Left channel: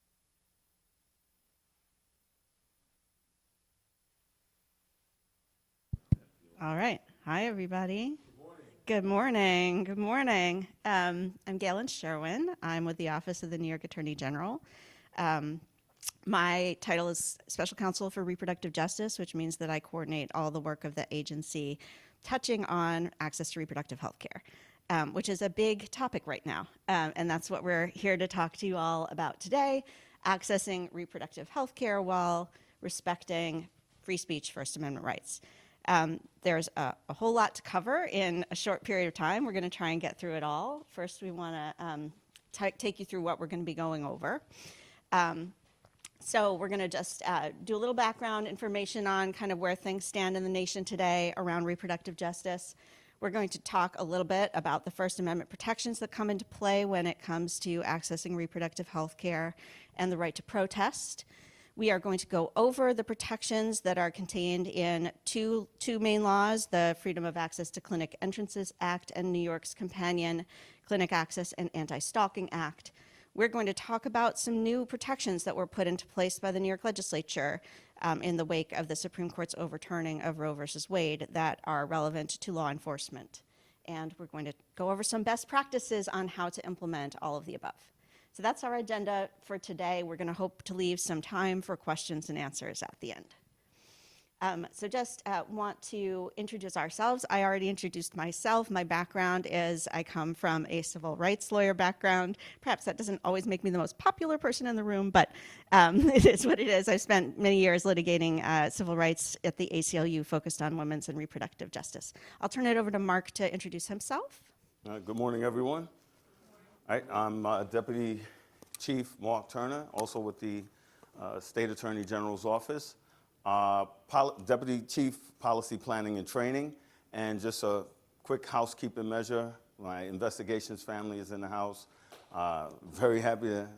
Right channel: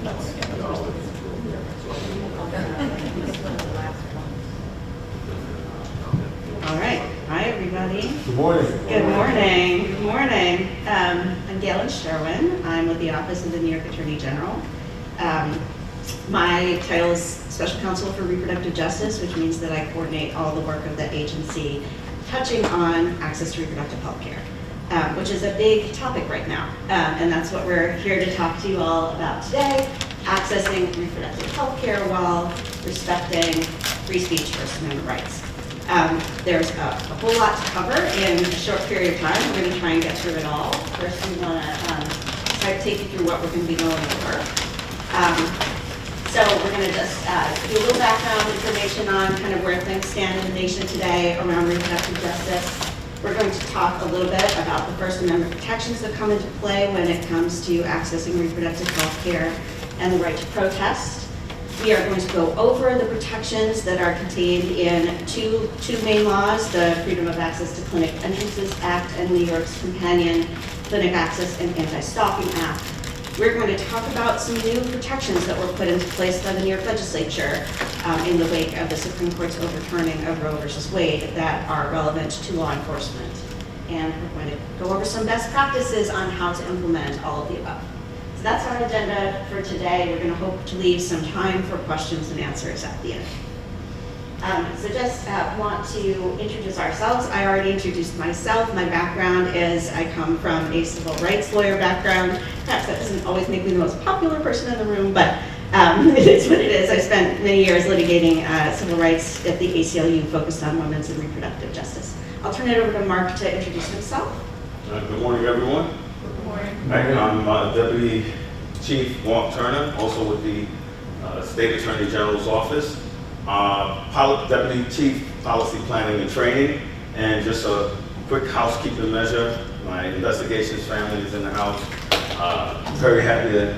All right. Hi, everybody. Good morning. Good morning. Good morning. I'm Galen Sherwin. I'm with the Office of the New York Attorney General. My title is Special Counsel for Reproductive Justice, which means that I coordinate all the work of the agency touching on access to reproductive health care, which is a big topic right now. And that's what we're here to talk to you all about today, accessing reproductive health care while respecting free speech, First Amendment rights. There's a whole lot to cover in a short period of time. We're going to try and get through it all. First, I'm going to try to take you through what we're going to be going over. So we're going to just do a little background information on kind of where things stand in the nation today around reproductive justice. We're going to talk a little bit about the First Amendment protections that come into play when it comes to accessing reproductive health care and the right to protest. We are going to go over the protections that are contained in two main laws, the Freedom of Access to Clinic Entrances Act and New York's companion Clinic Access and Anti-Stalking Act. We're going to talk about some new protections that were put into place by the New York Legislature in the wake of the Supreme Court's overturning of Roe v. Wade that are relevant to law enforcement. And we're going to go over some best practices on how to implement all of the above. So that's our agenda for today. We're going to hope to leave some time for questions and answers at the end. So just want to introduce ourselves. I already introduced myself. My background is I come from a civil rights lawyer background. Perhaps that doesn't always make me the most popular person in the room, but it is what it is. I spent many years litigating civil rights at the ACLU focused on women's and reproductive justice. I'll turn it over to Mark to introduce himself. Good morning, everyone. Good morning. I'm Deputy Chief Mark Turner, also with the State Attorney General's Office. Deputy Chief Policy Planning and Training, and just a quick housekeeping measure. My investigations family is in the house. Very happy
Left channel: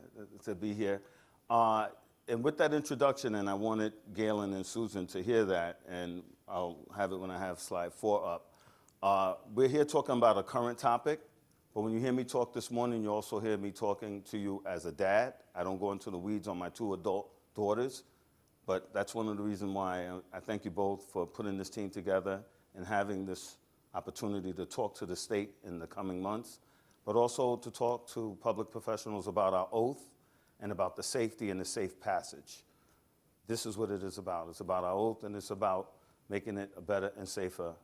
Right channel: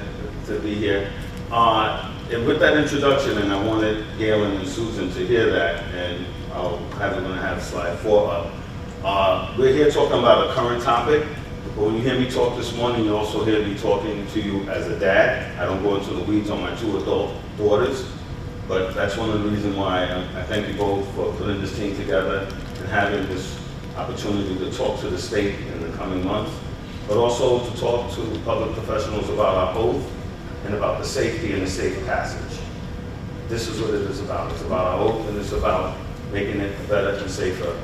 to be here. And with that introduction, and I wanted Galen and Susan to hear that, and we're going to have slide 4 up. We're here talking about a current topic. But when you hear me talk this morning, you also hear me talking to you as a dad. I don't go into the weeds on my 2 adult daughters. But that's one of the reasons why I thank you both for putting this team together and having this opportunity to talk to the state in the coming months, but also to talk to public professionals about our oath and about the safety and the safe passage. This is what it is about. It's about our oath, and it's about making it a better and safer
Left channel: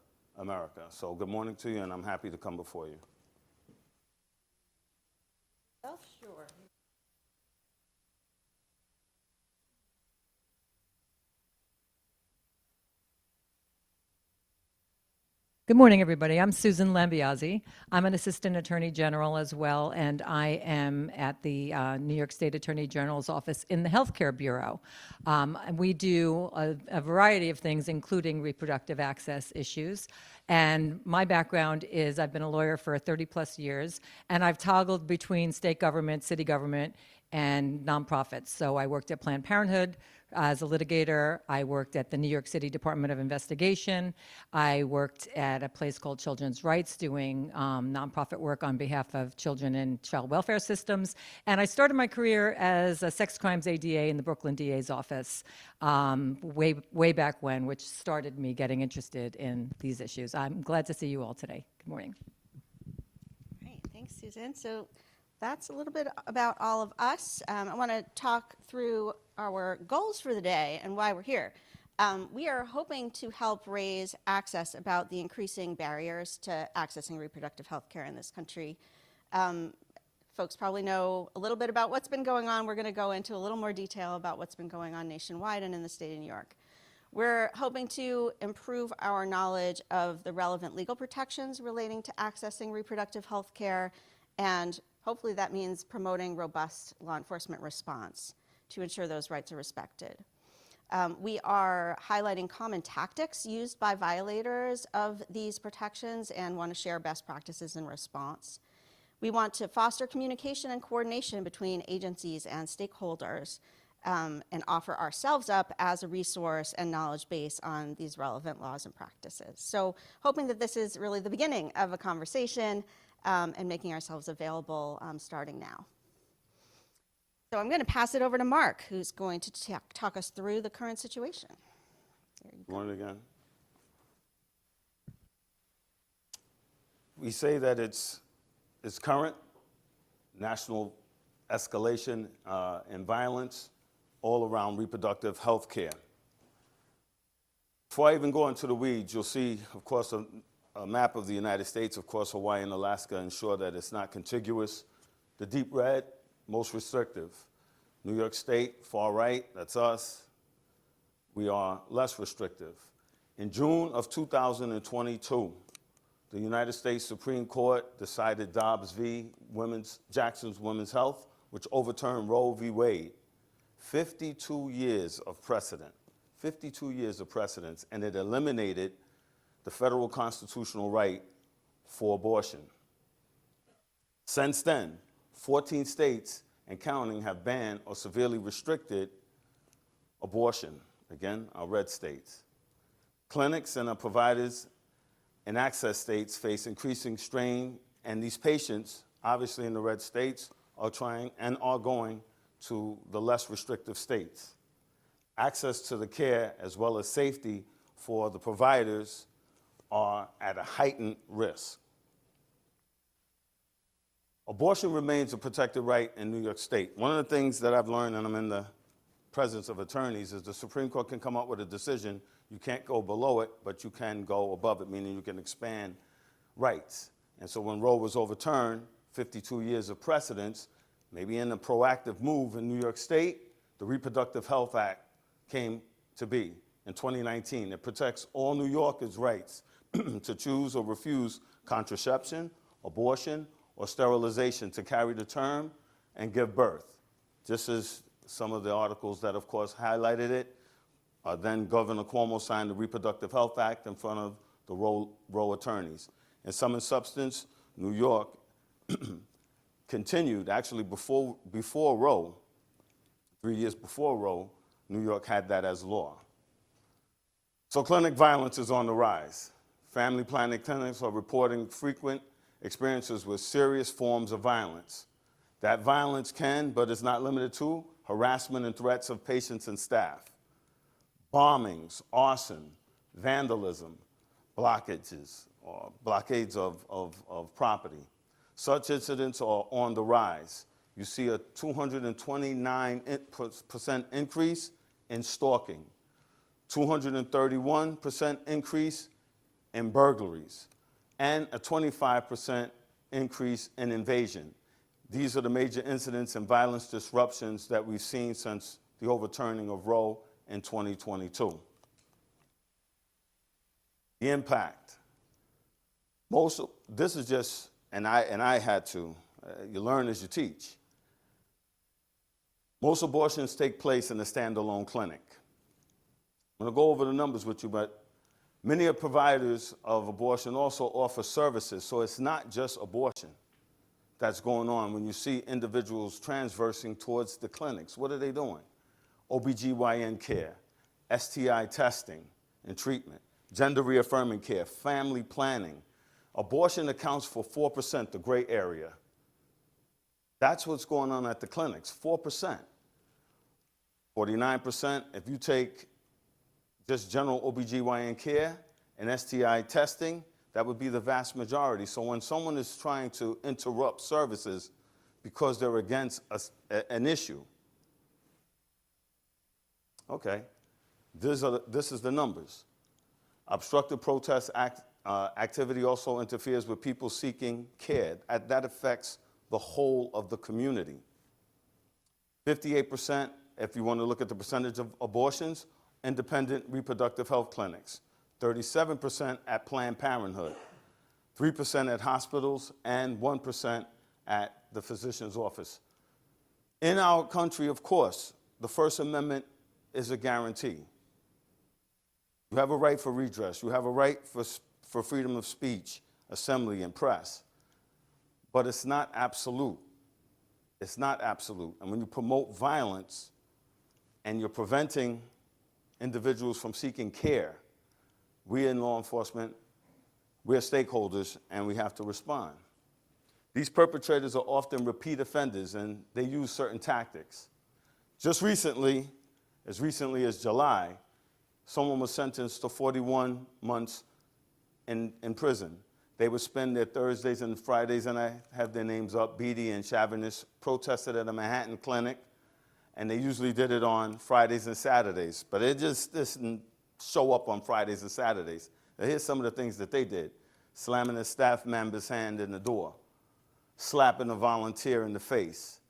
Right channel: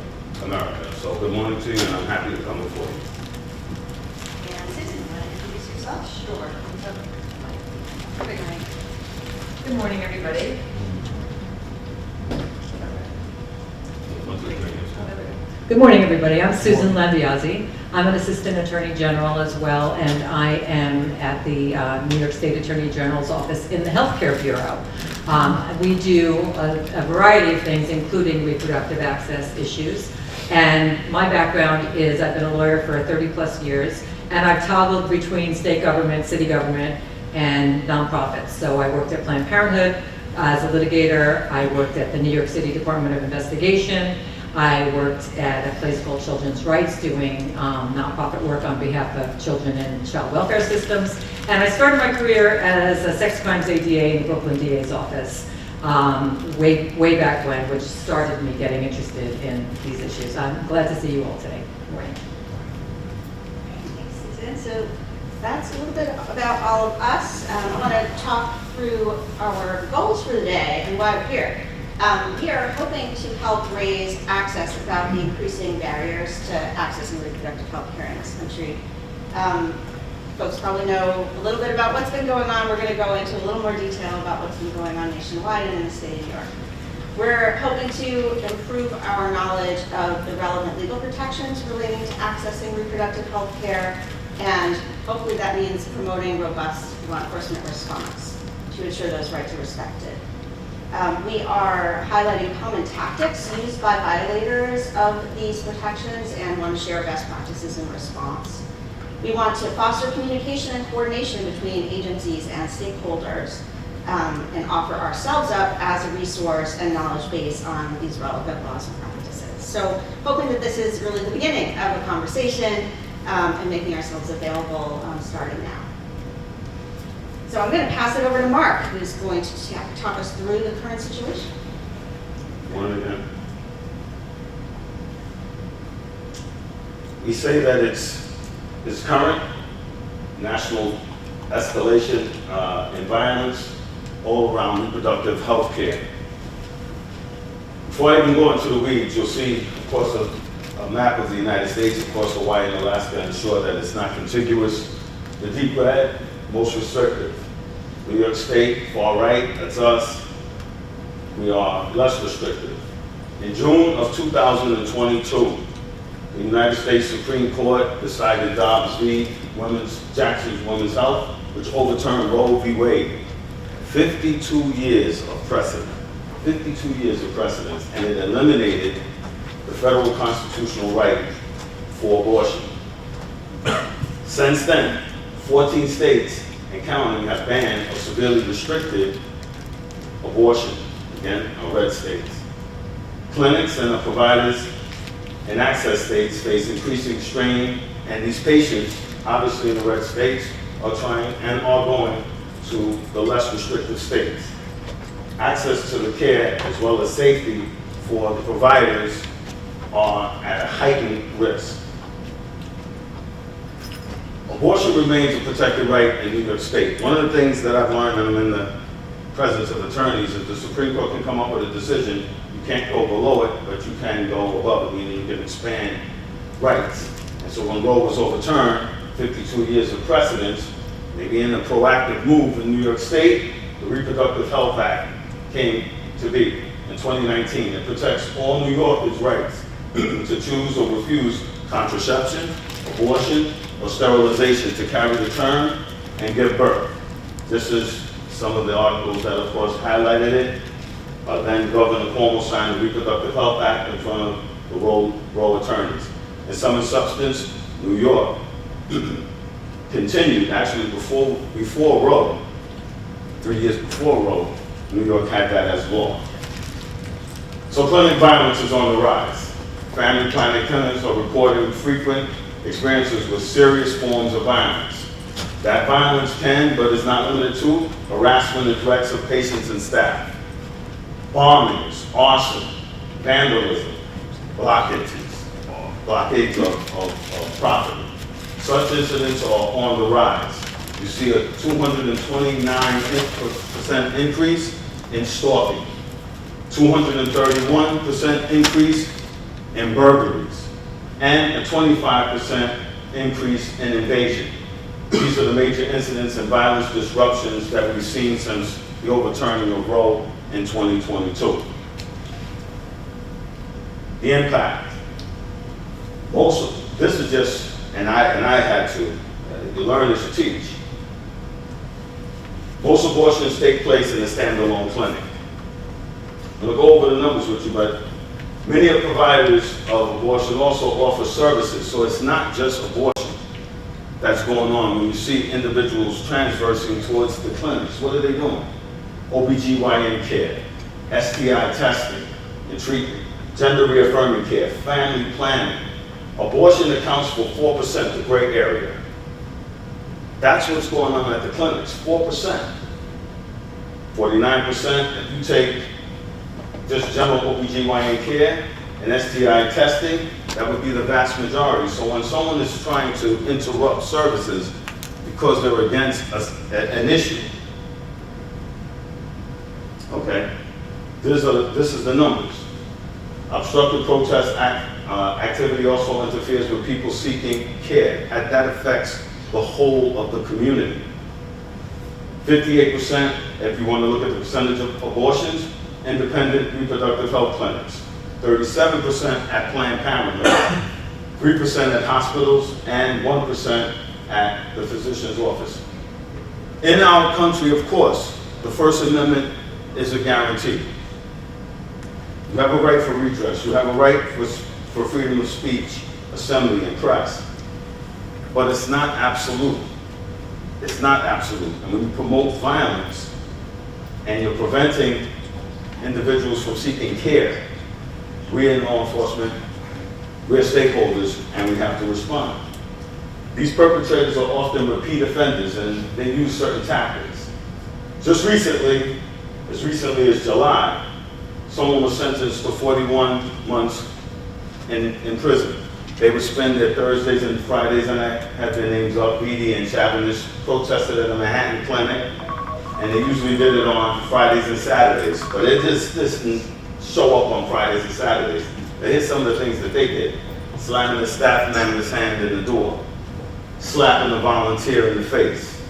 America. So good morning to you, and I'm happy to come before you. And Susan, you want to introduce yourself? Sure. Good morning, everybody. Good morning, everybody. I'm Susan Lambiazzi. I'm an Assistant Attorney General as well, and I am at the New York State Attorney General's Office in the Healthcare Bureau. We do a variety of things, including reproductive access issues. And my background is I've been a lawyer for 30+ years, and I've toggled between state government, city government, and nonprofits. So I worked at Planned Parenthood as a litigator. I worked at the New York City Department of Investigation. I worked at a place called Children's Rights doing nonprofit work on behalf of children in child welfare systems. And I started my career as a sex crimes ADA in the Brooklyn DA's office way back when, which started me getting interested in these issues. I'm glad to see you all today. Good morning. Thanks, Susan. So that's a little bit about all of us. I want to talk through our goals for the day and why we're here. We are hoping to help raise access about the increasing barriers to accessing reproductive health care in this country. Folks probably know a little bit about what's been going on. We're going to go into a little more detail about what's been going on nationwide and in the state of New York. We're hoping to improve our knowledge of the relevant legal protections relating to accessing reproductive health care, and hopefully that means promoting robust law enforcement response to ensure those rights are respected. We are highlighting common tactics used by violators of these protections and want to share best practices in response. We want to foster communication and coordination between agencies and stakeholders and offer ourselves up as a resource and knowledge base on these relevant laws and practices. So hoping that this is really the beginning of a conversation and making ourselves available starting now. So I'm going to pass it over to Mark, who's going to talk us through the current situation. One again. We say that it's current national escalation in violence all around reproductive health care. Before I even go into the weeds, you'll see, of course, a map of the United States, of course, Hawaii and Alaska, ensure that it's not contiguous. The deep red, most restrictive. New York State, far right, that's us. We are less restrictive. In June of 2022, the United States Supreme Court decided Dobbs v. Jackson's Women's Health, which overturned Roe v. Wade. 52 years of precedent. 52 years of precedence, and it eliminated the federal constitutional right for abortion. Since then, 14 states and counting have banned or severely restricted abortion, again, red states. Clinics and the providers in access states face increasing strain, and these patients, obviously in the red states, are trying and are going to the less restrictive states. Access to the care as well as safety for the providers are at a heightened risk. Abortion remains a protected right in New York State. One of the things that I've learned, and I'm in the presence of attorneys, is the Supreme Court can come up with a decision. You can't go below it, but you can go above it, meaning you can expand rights. And so when Roe was overturned, 52 years of precedence, maybe in a proactive move in New York State, the Reproductive Health Act came to be in 2019. It protects all New Yorkers' rights to choose or refuse contraception, abortion, or sterilization to carry the term and give birth. This is some of the articles that, of course, highlighted it. Then Governor Cuomo signed the Reproductive Health Act in front of the Roe attorneys. In sum and substance, New York continued, actually before Roe, 3 years before Roe, New York had that as law. So clinic violence is on the rise. Family planning clinics are reporting frequent experiences with serious forms of violence. That violence can, but is not limited to, harassment and threats of patients and staff, bombings, arson, vandalism, blockades of property. Such incidents are on the rise. You see a 229% increase in stalking, 231% increase in burglaries, and a 25% increase in invasion. These are the major incidents and violence disruptions that we've seen since the overturning of Roe in 2022. The impact. This is just, and I had to, you learn as you teach. Most abortions take place in a standalone clinic. I'm going to go over the numbers with you, but many of the providers of abortion also offer services, so it's not just abortion that's going on. When you see individuals transversing towards the clinics, what are they doing? OBGYN care, STI testing and treatment, gender reaffirming care, family planning. Abortion accounts for 4%, the gray area. That's what's going on at the clinics, 4%. 49%, if you take just general OBGYN care and STI testing, that would be the vast majority. So when someone is trying to interrupt services because they're against an issue, okay, this is the numbers. Obstructive protest activity also interferes with people seeking care. That affects the whole of the community. 58%, if you want to look at the percentage of abortions, independent reproductive health clinics. 37% at Planned Parenthood, 3% at hospitals, and 1% at the physician's office. In our country, of course, the First Amendment is a guarantee. You have a right for redress. You have a right for freedom of speech, assembly, and press. But it's not absolute. It's not absolute. And when you promote violence and you're preventing individuals from seeking care, we in law enforcement, we're stakeholders, and we have to respond. These perpetrators are often repeat offenders, and they use certain tactics. Just recently, as recently as July, someone was sentenced to 41 months in prison. They would spend their Thursdays and Fridays, and I had their names up, Beatty and Chavanish, protested at a Manhattan clinic, and they usually did it on Fridays and Saturdays, but it just didn't show up on Fridays and Saturdays. But here's some of the things that they did. Slamming the staff member's hand in the door, slapping a volunteer in the face,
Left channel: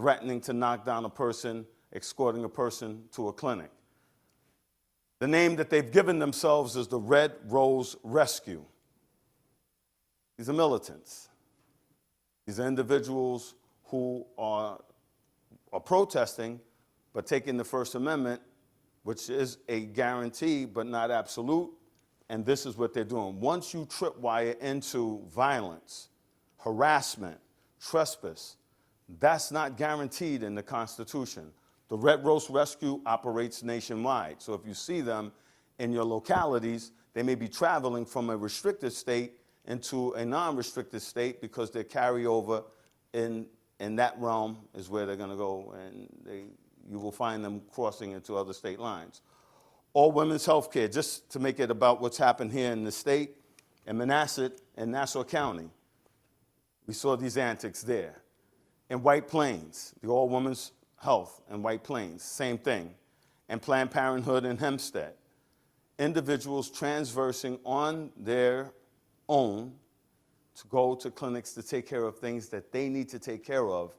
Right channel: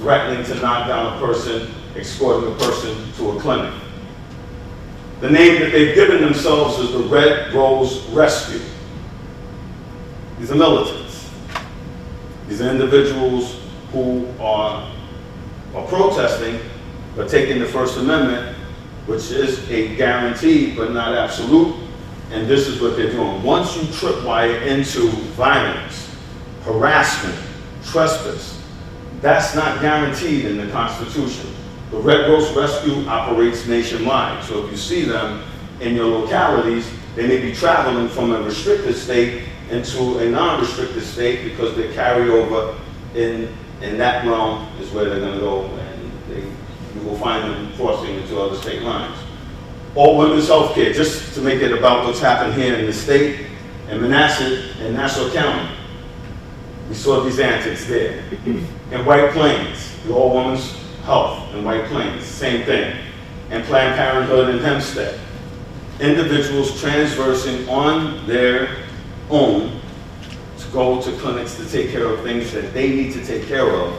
threatening to knock down a person, escorting a person to a clinic. The name that they've given themselves is the Red Rose Rescue. These are militants. These are individuals who are protesting, but taking the First Amendment, which is a guarantee but not absolute, and this is what they're doing. Once you tripwire into violence, harassment, trespass, that's not guaranteed in the Constitution. The Red Rose Rescue operates nationwide, so if you see them in your localities, they may be traveling from a restricted state into a non-restricted state because they carry over in that realm is where they're going to go, and you will find them crossing into other state lines. All women's health care, just to make it about what's happened here in the state, in Manassas and Nassau County. We saw these antics there. In White Plains, the all women's health in White Plains, same thing. And Planned Parenthood in Hempstead. Individuals transversing on their own to go to clinics to take care of things that they need to take care of,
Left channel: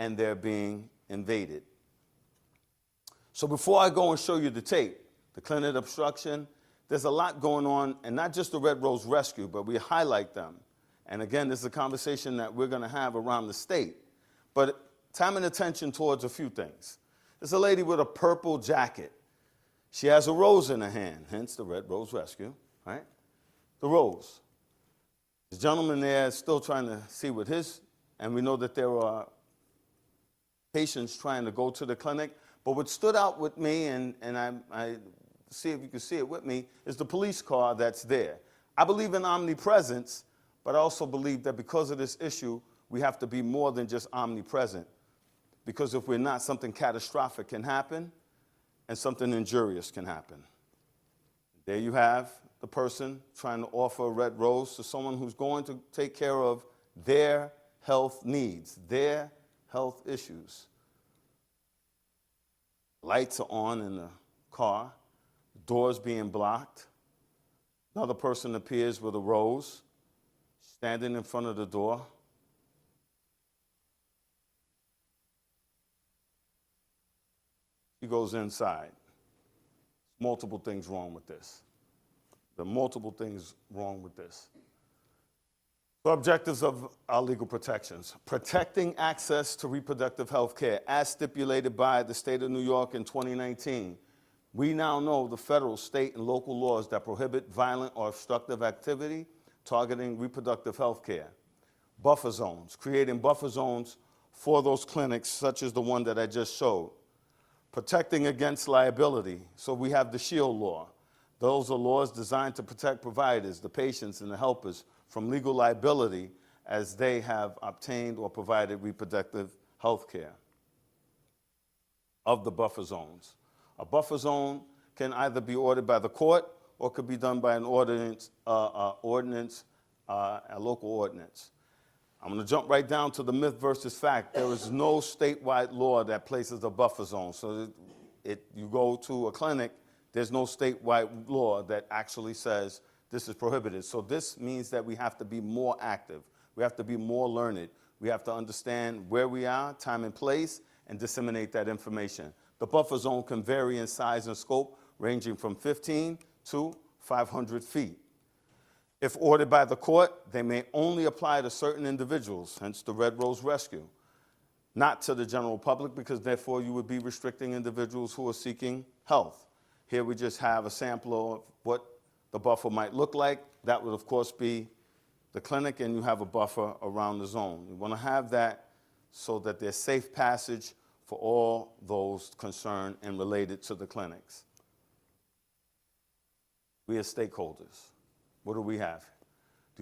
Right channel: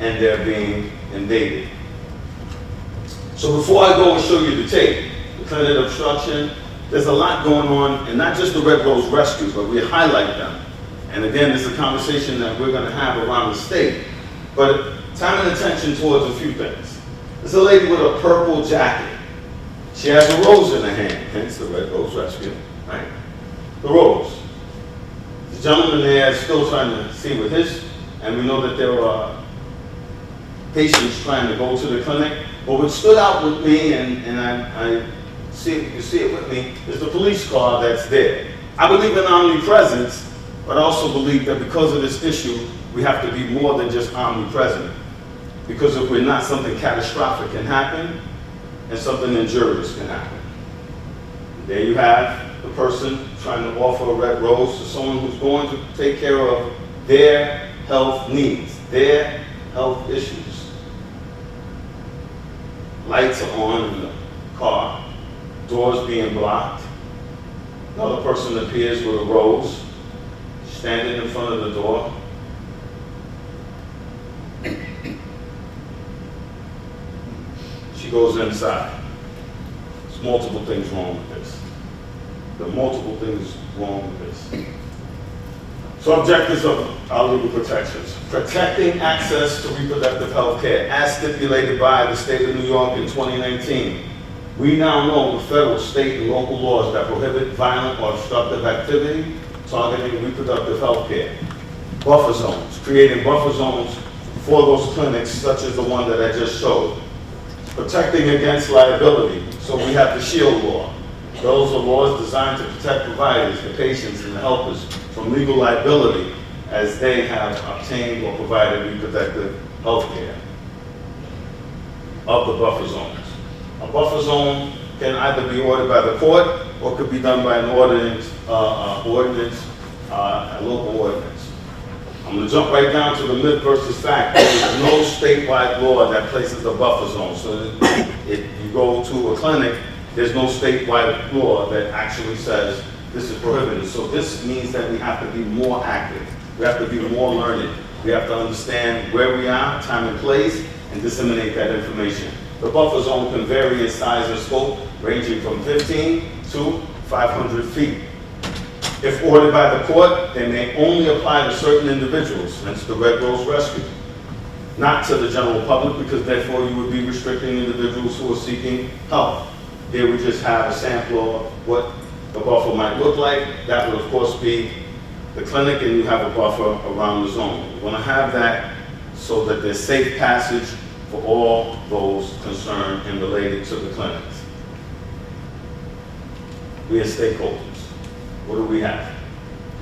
and they're being invaded. So before I go and show you the tape, the clinic obstruction, there's a lot going on, and not just the Red Rose Rescue, but we highlight them. And again, this is a conversation that we're going to have around the state. But time and attention towards a few things. There's a lady with a purple jacket. She has a rose in her hand, hence the Red Rose Rescue, right? The rose. The gentleman there is still trying to see with his, and we know that there are patients trying to go to the clinic. But what stood out with me, and I see it, you can see it with me, is the police car that's there. I believe in omnipresence, but I also believe that because of this issue, we have to be more than just omnipresent. Because if we're not, something catastrophic can happen, and something injurious can happen. There you have the person trying to offer a red rose to someone who's going to take care of their health needs, their health issues. Lights are on in the car, doors being blocked. Another person appears with a rose, standing in front of the door. She goes inside. There's multiple things wrong with this. There are multiple things wrong with this. So objectives of our legal protections. Protecting access to reproductive health care as stipulated by the state of New York in 2019. We now know the federal, state, and local laws that prohibit violent or obstructive activity targeting reproductive health care. Buffer zones, creating buffer zones for those clinics such as the one that I just showed. Protecting against liability, so we have the SHIELD law. Those are laws designed to protect providers, the patients, and the helpers from legal liability as they have obtained or provided reproductive health care of the buffer zones. A buffer zone can either be ordered by the court or could be done by an ordinance, a local ordinance. I'm going to jump right down to the myth versus fact. There is no statewide law that places a buffer zone. So if you go to a clinic, there's no statewide law that actually says this is prohibited. So this means that we have to be more active. We have to be more learned. We have to understand where we are, time and place, and disseminate that information. The buffer zone can vary in size and scope, ranging from 15 to 500 feet. If ordered by the court, they may only apply to certain individuals, hence the Red Rose Rescue. Not to the general public, because therefore you would be restricting individuals who are seeking help. Here we just have a sample of what the buffer might look like. That would of course be the clinic, and you have a buffer around the zone. You want to have that so that there's safe passage for all those concerned and related to the clinics. We as stakeholders, what do we have?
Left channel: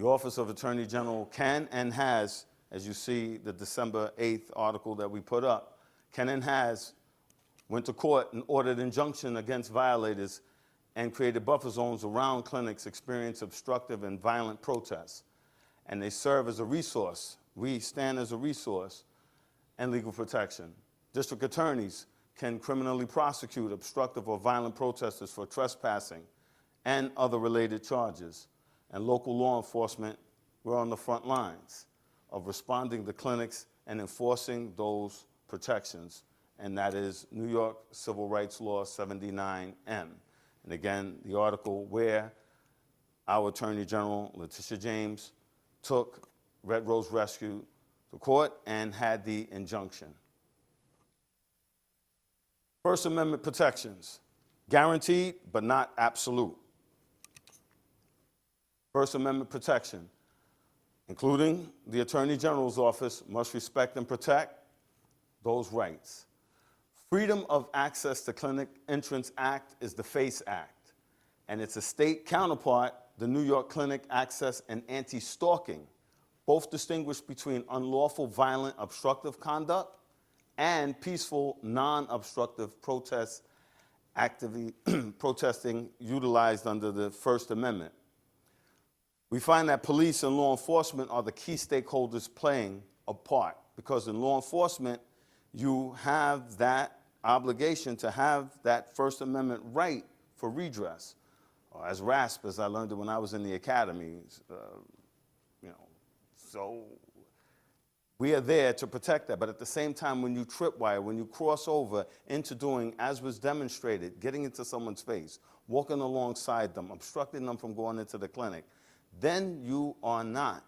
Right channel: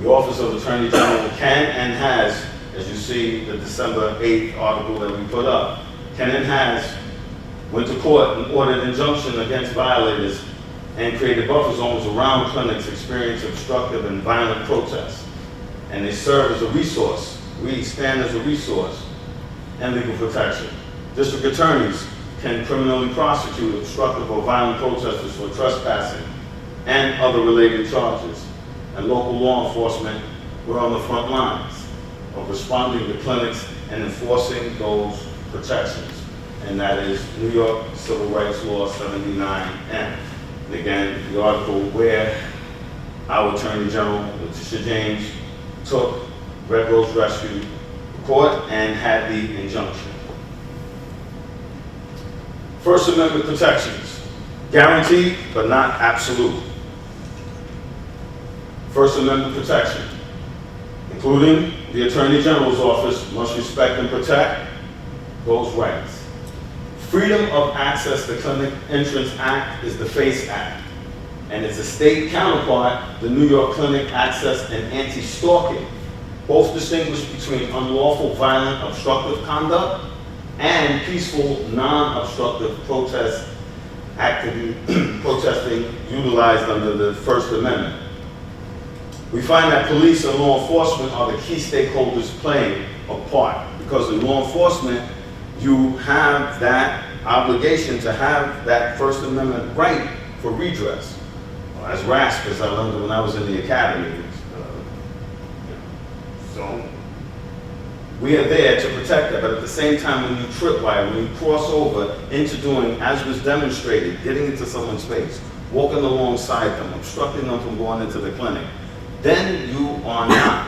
The Office of Attorney General can and has, as you see the December 8th article that we put up, can and has went to court and ordered injunction against violators and created buffer zones around clinics experiencing obstructive and violent protests. And they serve as a resource. We stand as a resource and legal protection. District attorneys can criminally prosecute obstructive or violent protesters for trespassing and other related charges. And local law enforcement were on the front lines of responding to clinics and enforcing those protections. And that is New York Civil Rights Law 79N. And again, the article where our Attorney General, Letitia James, took Red Rose Rescue to court and had the injunction. First Amendment protections, guaranteed but not absolute. First Amendment protection, including the Attorney General's office, must respect and protect those rights. Freedom of Access to Clinic Entrance Act is the FACE Act, and its a state counterpart, the New York Clinic Access and Anti-Stalking, both distinguish between unlawful, violent, obstructive conduct and peaceful, non-obstructive protest activity, protesting utilized under the First Amendment. We find that police and law enforcement are the key stakeholders playing a part, because in law enforcement, you have that obligation to have that First Amendment right for redress. As RASP, as I learned when I was in the academy. So we are there to protect that, but at the same time, when you tripwire, when you cross over into doing, as was demonstrated, getting into someone's space, walking alongside them, obstructing them from going into the clinic, then you are not,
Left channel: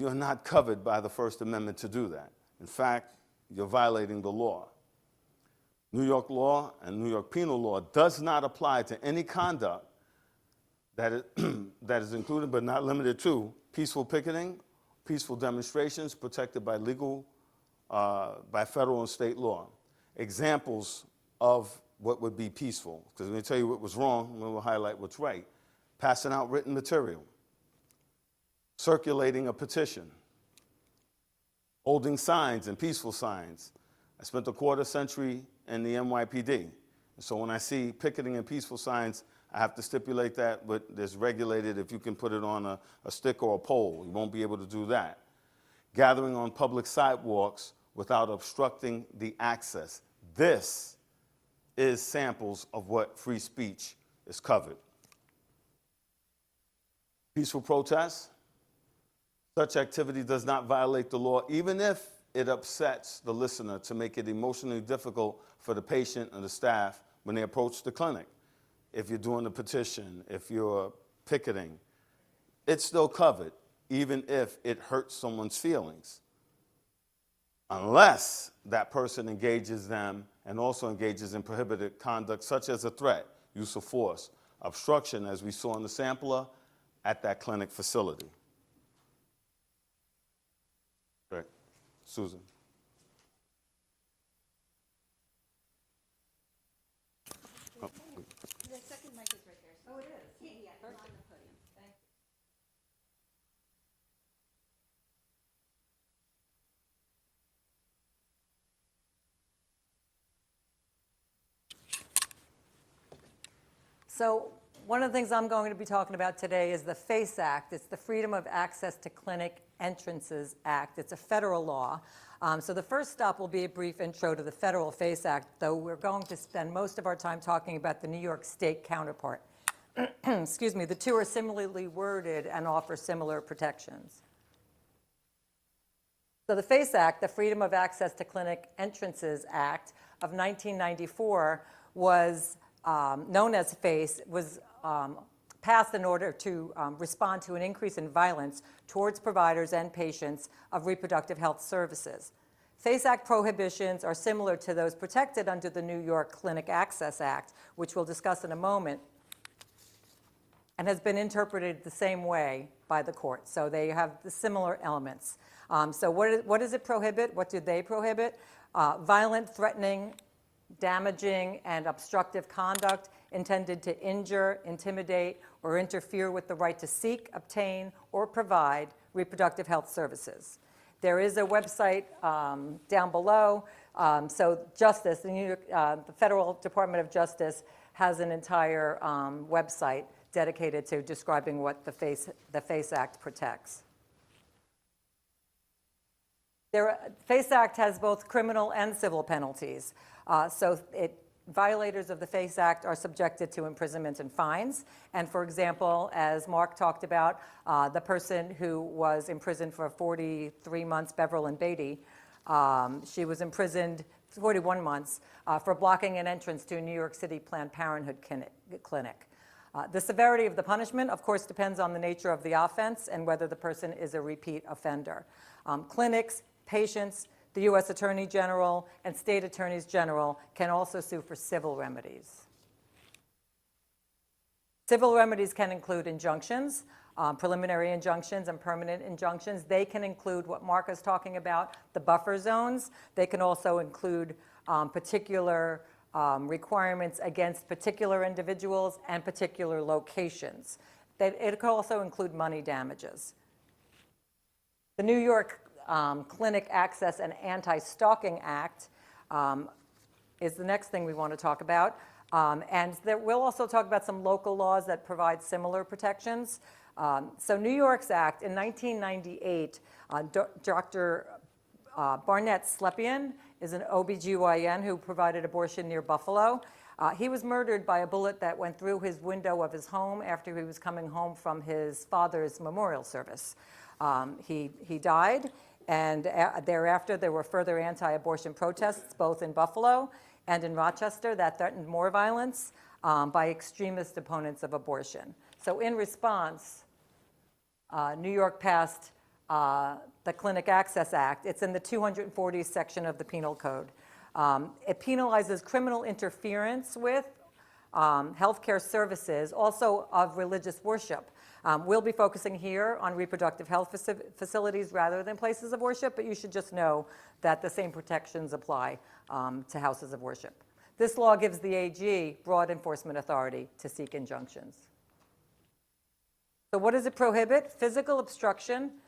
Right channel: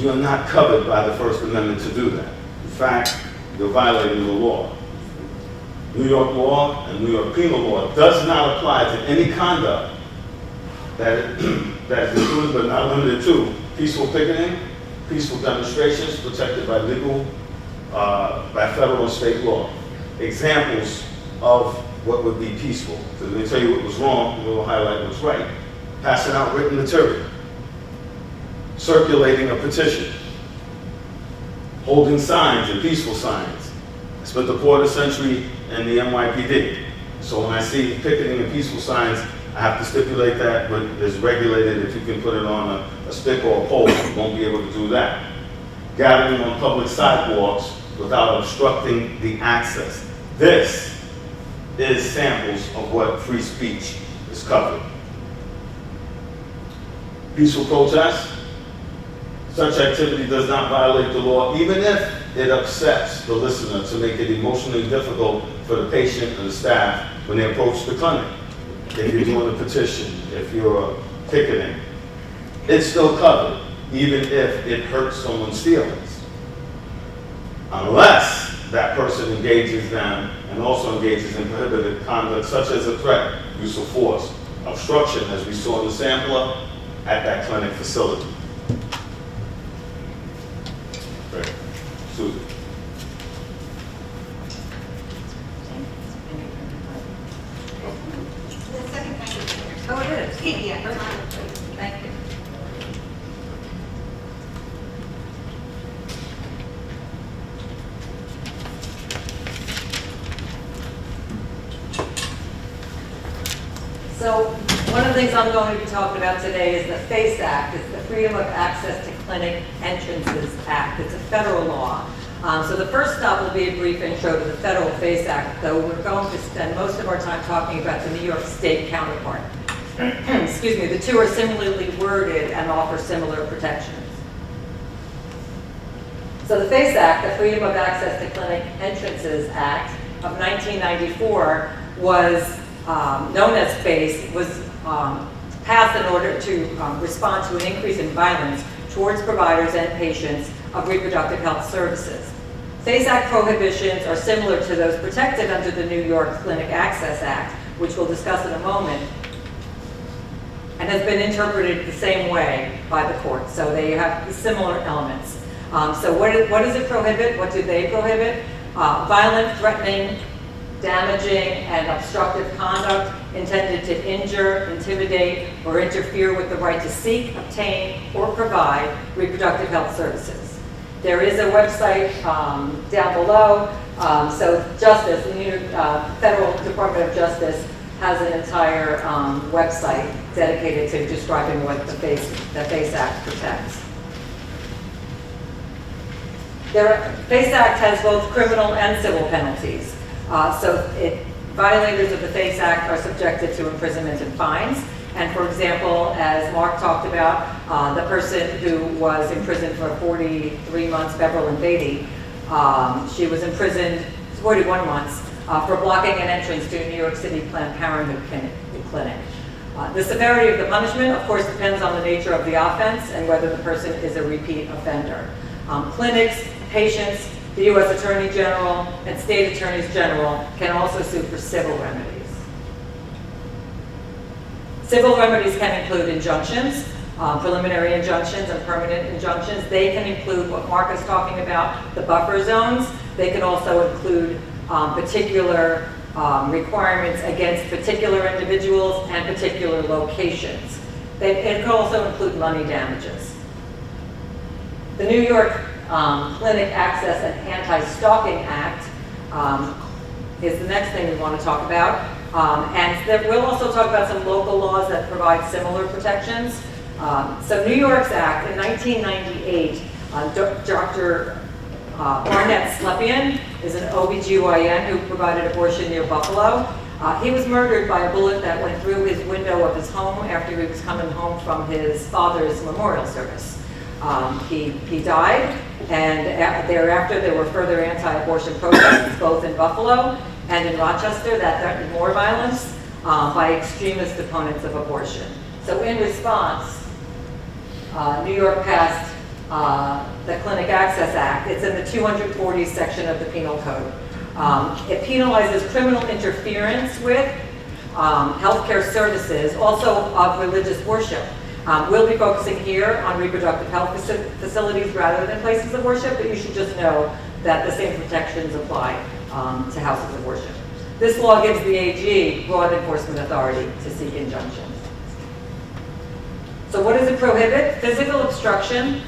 you're not covered by the First Amendment to do that. In fact, you're violating the law. New York law and New York penal law does not apply to any conduct that is included but not limited to peaceful picketing, peaceful demonstrations protected by by federal and state law. Examples of what would be peaceful. So they tell you what was wrong, we'll highlight what's right. Passing out written material, circulating a petition, holding signs and peaceful signs. I spent a quarter century in the NYPD. So when I see picketing and peaceful signs, I have to stipulate that, but it's regulated. If you can put it on a stick or a pole, you won't be able to do that. Gathering on public sidewalks without obstructing the access. This is samples of what free speech is covered. Peaceful protest. Such activity does not violate the law, even if it upsets the listener to make it emotionally difficult for the patient and the staff when they approach the clinic. If you're doing a petition, if you're picketing, it's still covered, even if it hurts someone's feelings. Unless that person engages them and also engages in prohibited conduct such as a threat, use of force, obstruction, as we saw in the sampler, at that clinic facility. Great. Susan. The second thing. Oh, it is? Yeah. Thank you. So one of the things I'm going to be talking about today is the FACE Act. It's the Freedom of Access to Clinic Entrances Act. It's a federal law. So the first stop will be a brief intro to the federal FACE Act, though we're going to spend most of our time talking about the New York State counterpart. Excuse me, the two are similarly worded and offer similar protections. So the FACE Act, the Freedom of Access to Clinic Entrances Act of 1994, was known as FACE, was passed in order to respond to an increase in violence towards providers and patients of reproductive health services. FACE Act prohibitions are similar to those protected under the New York Clinic Access Act, which we'll discuss in a moment, and has been interpreted the same way by the court. So they have similar elements. So what does it prohibit? What do they prohibit? Violent, threatening, damaging, and obstructive conduct intended to injure, intimidate, or interfere with the right to seek, obtain, or provide reproductive health services. There is a website down below. So Justice, the New York Federal Department of Justice has an entire website dedicated to describing what the FACE Act protects. FACE Act has both criminal and civil penalties. Violators of the FACE Act are subjected to imprisonment and fines. And for example, as Mark talked about, the person who was imprisoned for 43 months, Beverly Beatty, she was imprisoned 41 months for blocking an entrance to a New York City Planned Parenthood clinic. The severity of the punishment, of course, depends on the nature of the offense and whether the person is a repeat offender. Clinics, patients, the U.S. Attorney General, and state attorneys general can also sue for civil remedies. Civil remedies can include injunctions, preliminary injunctions and permanent injunctions. They can include what Mark is talking about, the buffer zones. They can also include particular requirements against particular individuals and particular locations. It can also include money damages. The New York Clinic Access and Anti-Stalking Act is the next thing we want to talk about. We'll also talk about some local laws that provide similar protections. So New York's Act in 1998, Dr. Barnett Slepian is an OBGYN who provided abortion near Buffalo. He was murdered by a bullet that went through his window of his home after he was coming home from his father's memorial service. He died, and thereafter there were further anti-abortion protests both in Buffalo and in Rochester that threatened more violence by extremist opponents of abortion. So in response, New York passed the Clinic Access Act. It's in the 240 section of the Penal Code. It penalizes criminal interference with healthcare services, also of religious worship. We'll be focusing here on reproductive health facilities rather than places of worship, but you should just know that the same protections apply to houses of worship. This law gives the AG broad enforcement authority to seek injunctions. So what does it prohibit? Physical obstruction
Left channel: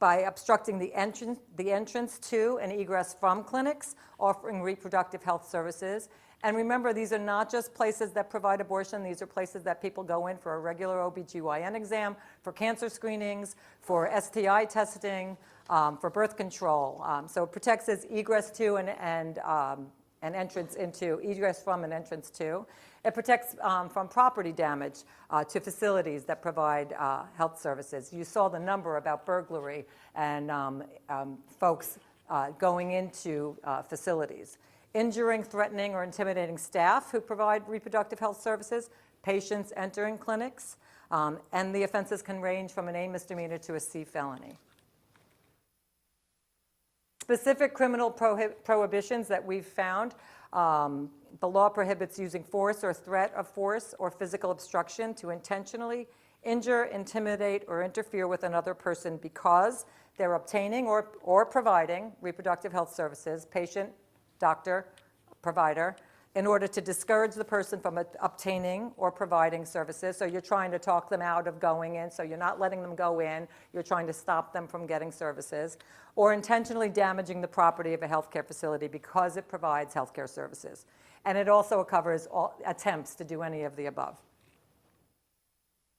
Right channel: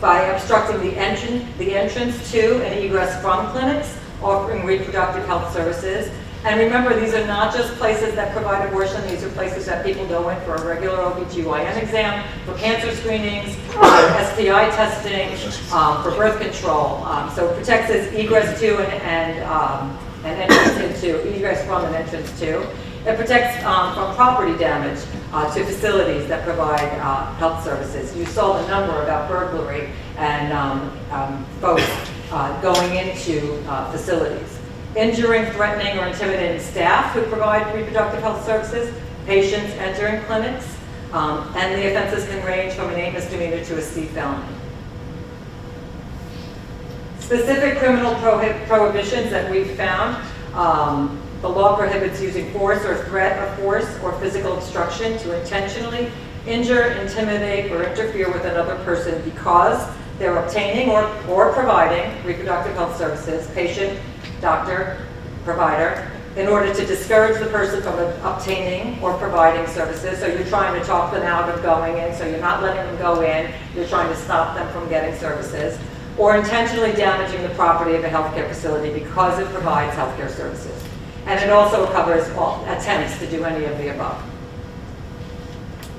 by obstructing the entrance to and egress from clinics offering reproductive health services. And remember, these are not just places that provide abortion. These are places that people go in for a regular OBGYN exam, for cancer screenings, for STI testing, for birth control. So it protects as egress to and entrance into, egress from and entrance to. It protects from property damage to facilities that provide health services. You saw the number about burglary and folks going into facilities. Injuring, threatening, or intimidating staff who provide reproductive health services, patients entering clinics, and the offenses can range from an A misdemeanor to a C felony. Specific criminal prohibitions that we've found, the law prohibits using force or threat of force or physical obstruction to intentionally injure, intimidate, or interfere with another person because they're obtaining or providing reproductive health services, patient, doctor, provider, in order to discourage the person from obtaining or providing services. So you're trying to talk them out of going in, so you're not letting them go in, you're trying to stop them from getting services, or intentionally damaging the property of a healthcare facility because it provides healthcare services. And it also covers all attempts to do any of the above.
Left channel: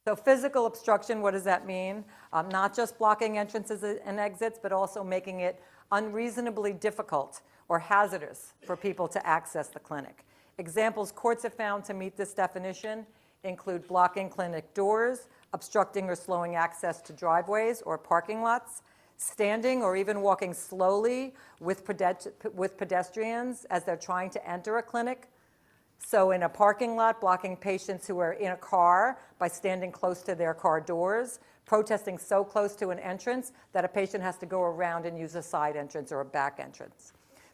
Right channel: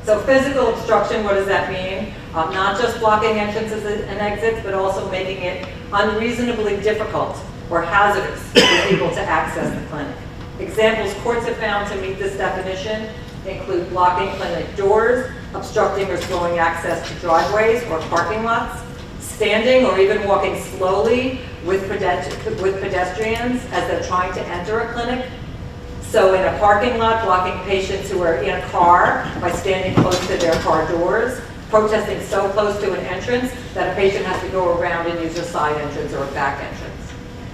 So physical obstruction, what does that mean? Not just blocking entrances and exits, but also making it unreasonably difficult or hazardous for people to access the clinic. Examples courts have found to meet this definition include blocking clinic doors, obstructing or slowing access to driveways or parking lots, standing or even walking slowly with pedestrians as they're trying to enter a clinic. So in a parking lot, blocking patients who are in a car by standing close to their car doors, protesting so close to an entrance that a patient has to go around and use a side entrance or a back entrance.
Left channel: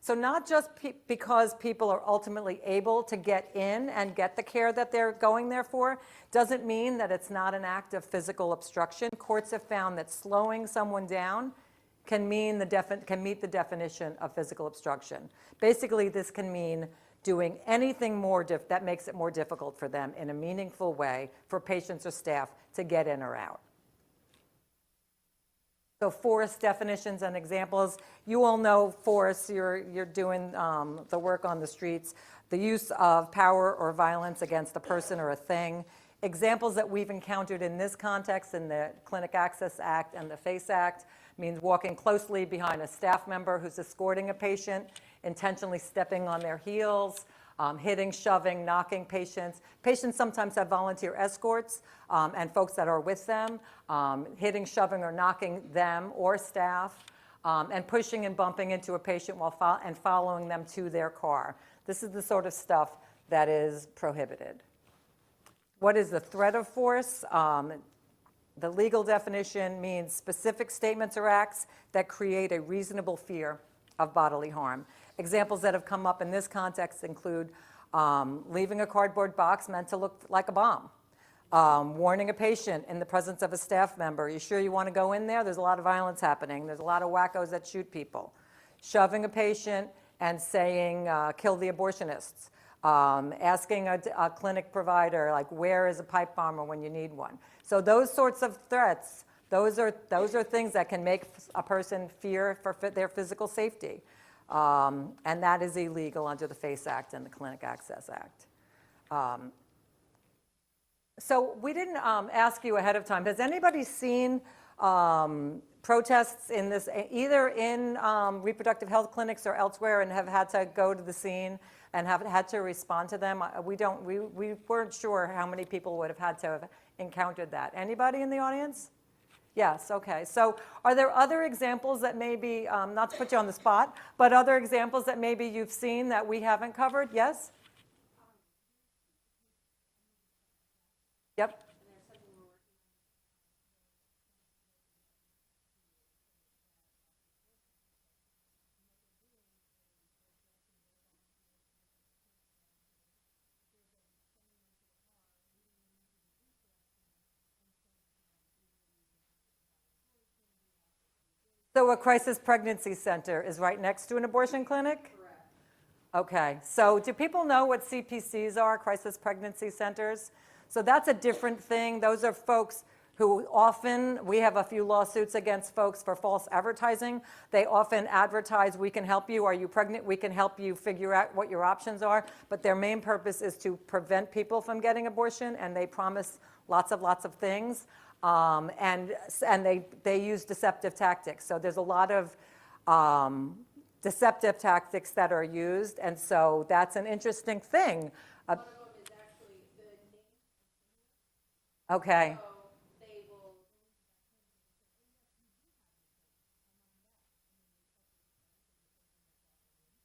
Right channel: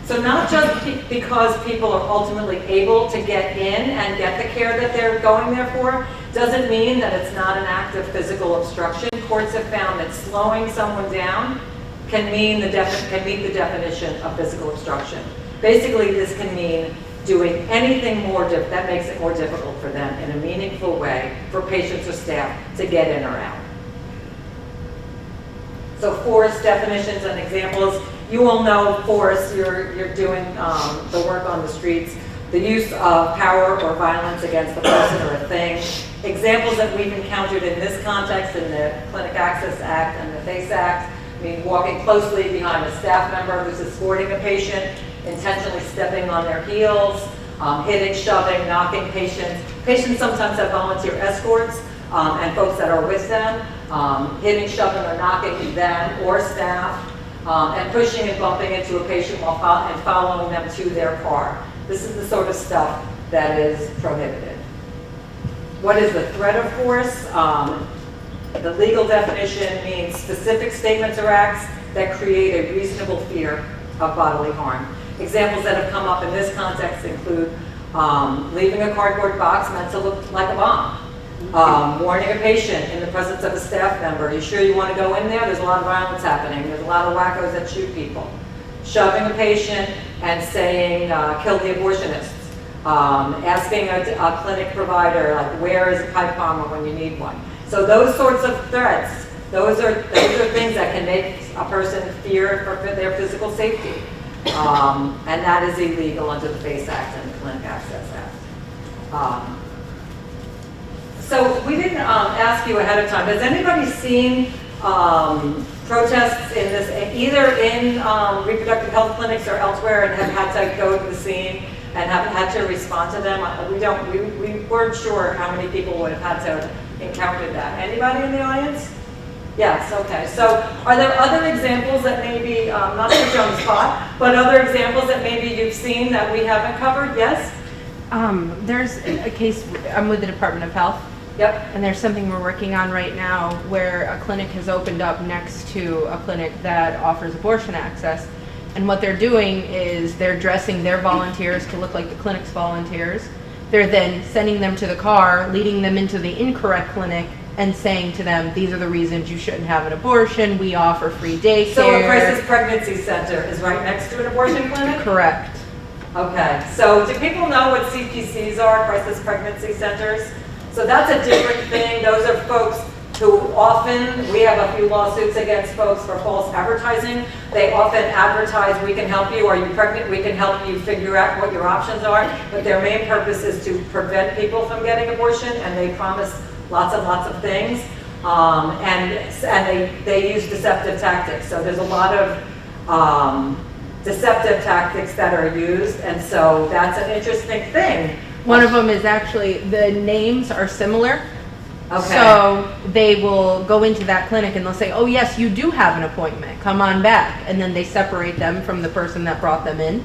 So not just because people are ultimately able to get in and get the care that they're going there for, doesn't mean that it's not an act of physical obstruction. Courts have found that slowing someone down can meet the definition of physical obstruction. Basically, this can mean doing anything more that makes it more difficult for them in a meaningful way for patients or staff to get in or out. So force definitions and examples. You all know force, you're doing the work on the streets. The use of power or violence against a person or a thing. Examples that we've encountered in this context in the Clinic Access Act and the FACE Act, I mean, walking closely behind a staff member who's escorting a patient, intentionally stepping on their heels, hitting, shoving, knocking patients. Patients sometimes have volunteer escorts and folks that are with them, hitting, shoving, or knocking them or staff, and pushing and bumping into a patient while following them to their car. This is the sort of stuff that is prohibited. What is the threat of force? The legal definition means specific statements or acts that create a reasonable fear of bodily harm. Examples that have come up in this context include leaving a cardboard box meant to look like a bomb, warning a patient in the presence of a staff member, you sure you want to go in there? There's a lot of violence happening. There's a lot of wackos that shoot people. Shoving a patient and saying, kill the abortionists. Asking a clinic provider, like, where is a pipe bomber when you need one? So those sorts of threats, those are things that can make a person fear for their physical safety. And that is illegal under the FACE Act and the Clinic Access Act. So we didn't ask you ahead of time, has anybody seen protests in this, either in reproductive health clinics or elsewhere, and have had to go to the scene and have had to respond to them? We weren't sure how many people would have had to encounter that. Anybody in the audience? Yes, okay. So are there other examples that maybe, not to put you on the spot, but other examples that maybe you've seen that we haven't covered? Yes? There's a case, I'm with the Department of Health. Yep. And there's something we're working on right now where a clinic has opened up next to a clinic that offers abortion access. And what they're doing is they're dressing their volunteers to look like the clinic's volunteers. They're then sending them to the car, leading them into the incorrect clinic, and saying to them, these are the reasons you shouldn't have an abortion. We offer free daycare. So a crisis pregnancy center is right next to an abortion clinic? Correct. Okay. So do people know what CPCs are, crisis pregnancy centers? So that's a different thing. Those are folks who often, we have a few lawsuits against folks for false advertising. They often advertise, we can help you, are you pregnant? We can help you figure out what your options are. But their main purpose is to prevent people from getting abortion, and they promise lots of things. And they use deceptive tactics. So there's a lot of deceptive tactics that are used, and so that's an interesting thing. One of them is actually, the names are similar. Okay. So they will go into that clinic and they'll say, oh yes, you do have an appointment, come on back. And then they separate them from the person that brought them in.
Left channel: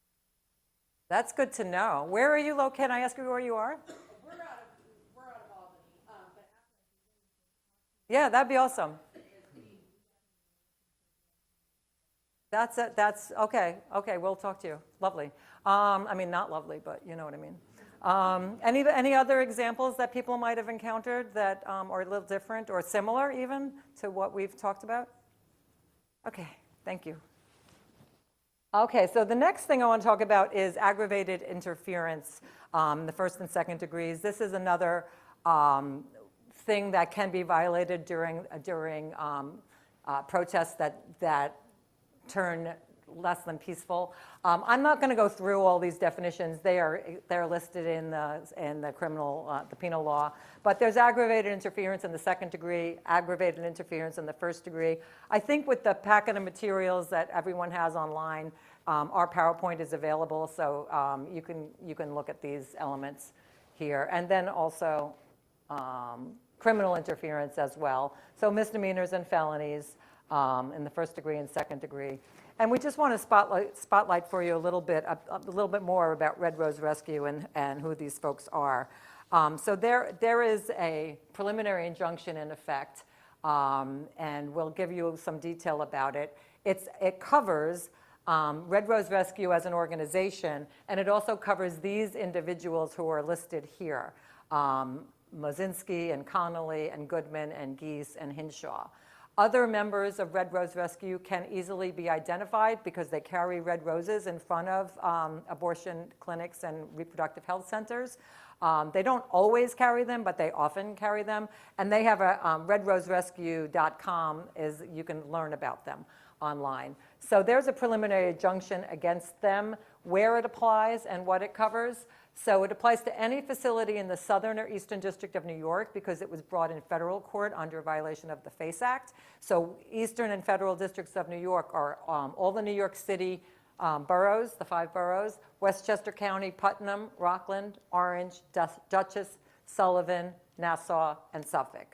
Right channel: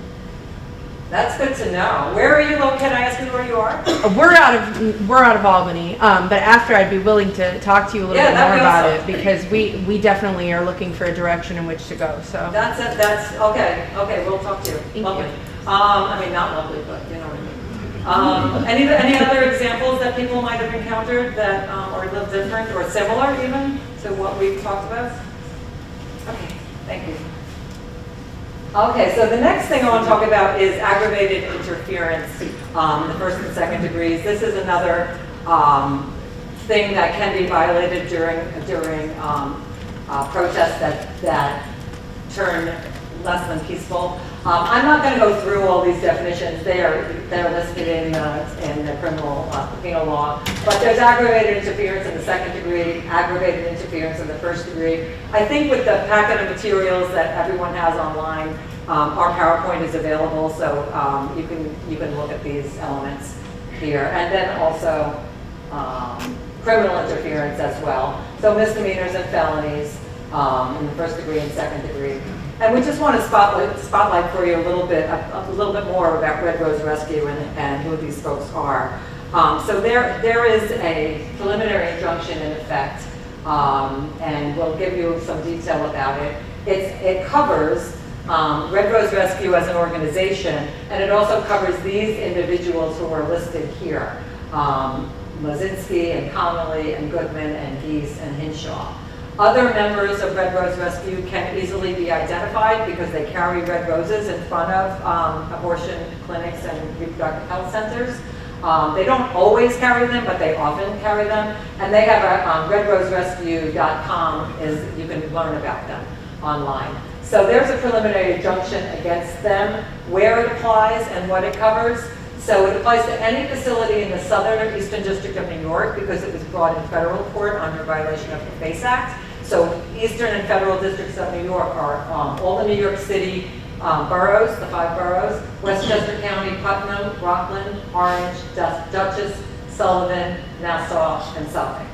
That's good to know. Where are you located? Can I ask you where you are? We're out of Albany, but after I'd be willing to talk to you a little bit more about it, because we definitely are looking for a direction in which to go. So That's it. That's okay. Okay, we'll talk to you. Thank Lovely. you. I mean, not lovely, but you know what I mean. Any other examples that people might have encountered that are a little different or similar even to what we've talked about? Okay, thank you. Okay, so the next thing I want to talk about is aggravated interference, the first and second degrees. This is another thing that can be violated during protests that turn less than peaceful. I'm not going to go through all these definitions. They're listed in the penal law. But there's aggravated interference in the second degree, aggravated interference in the first degree. I think with the packet of materials that everyone has online, our PowerPoint is available, so you can look at these elements here, and then also criminal interference as well. So misdemeanors and felonies in the first degree and second degree. And we just want to spotlight for you a little bit more about Red Rose Rescue and who these folks are. So there is a preliminary injunction in effect, and we'll give you some detail about it. It covers Red Rose Rescue as an organization, and it also covers these individuals who are listed here, Mozinski and Connolly and Goodman and Geese and Hinshaw. Other members of Red Rose Rescue can easily be identified because they carry red roses in front of abortion clinics and reproductive health centers. They don't always carry them, but they often carry them. And they have a redroserescue.com, you can learn about them. online. So there's a preliminary injunction against them, where it applies and what it covers. So it applies to any facility in the Southern or Eastern District of New York because it was brought in federal court under violation of the FACE Act. So Eastern and Federal Districts of New York are all the New York City boroughs, the 5 boroughs, Westchester County, Putnam, Rockland, Orange, Dutchess, Sullivan, Nassau, and Suffolk.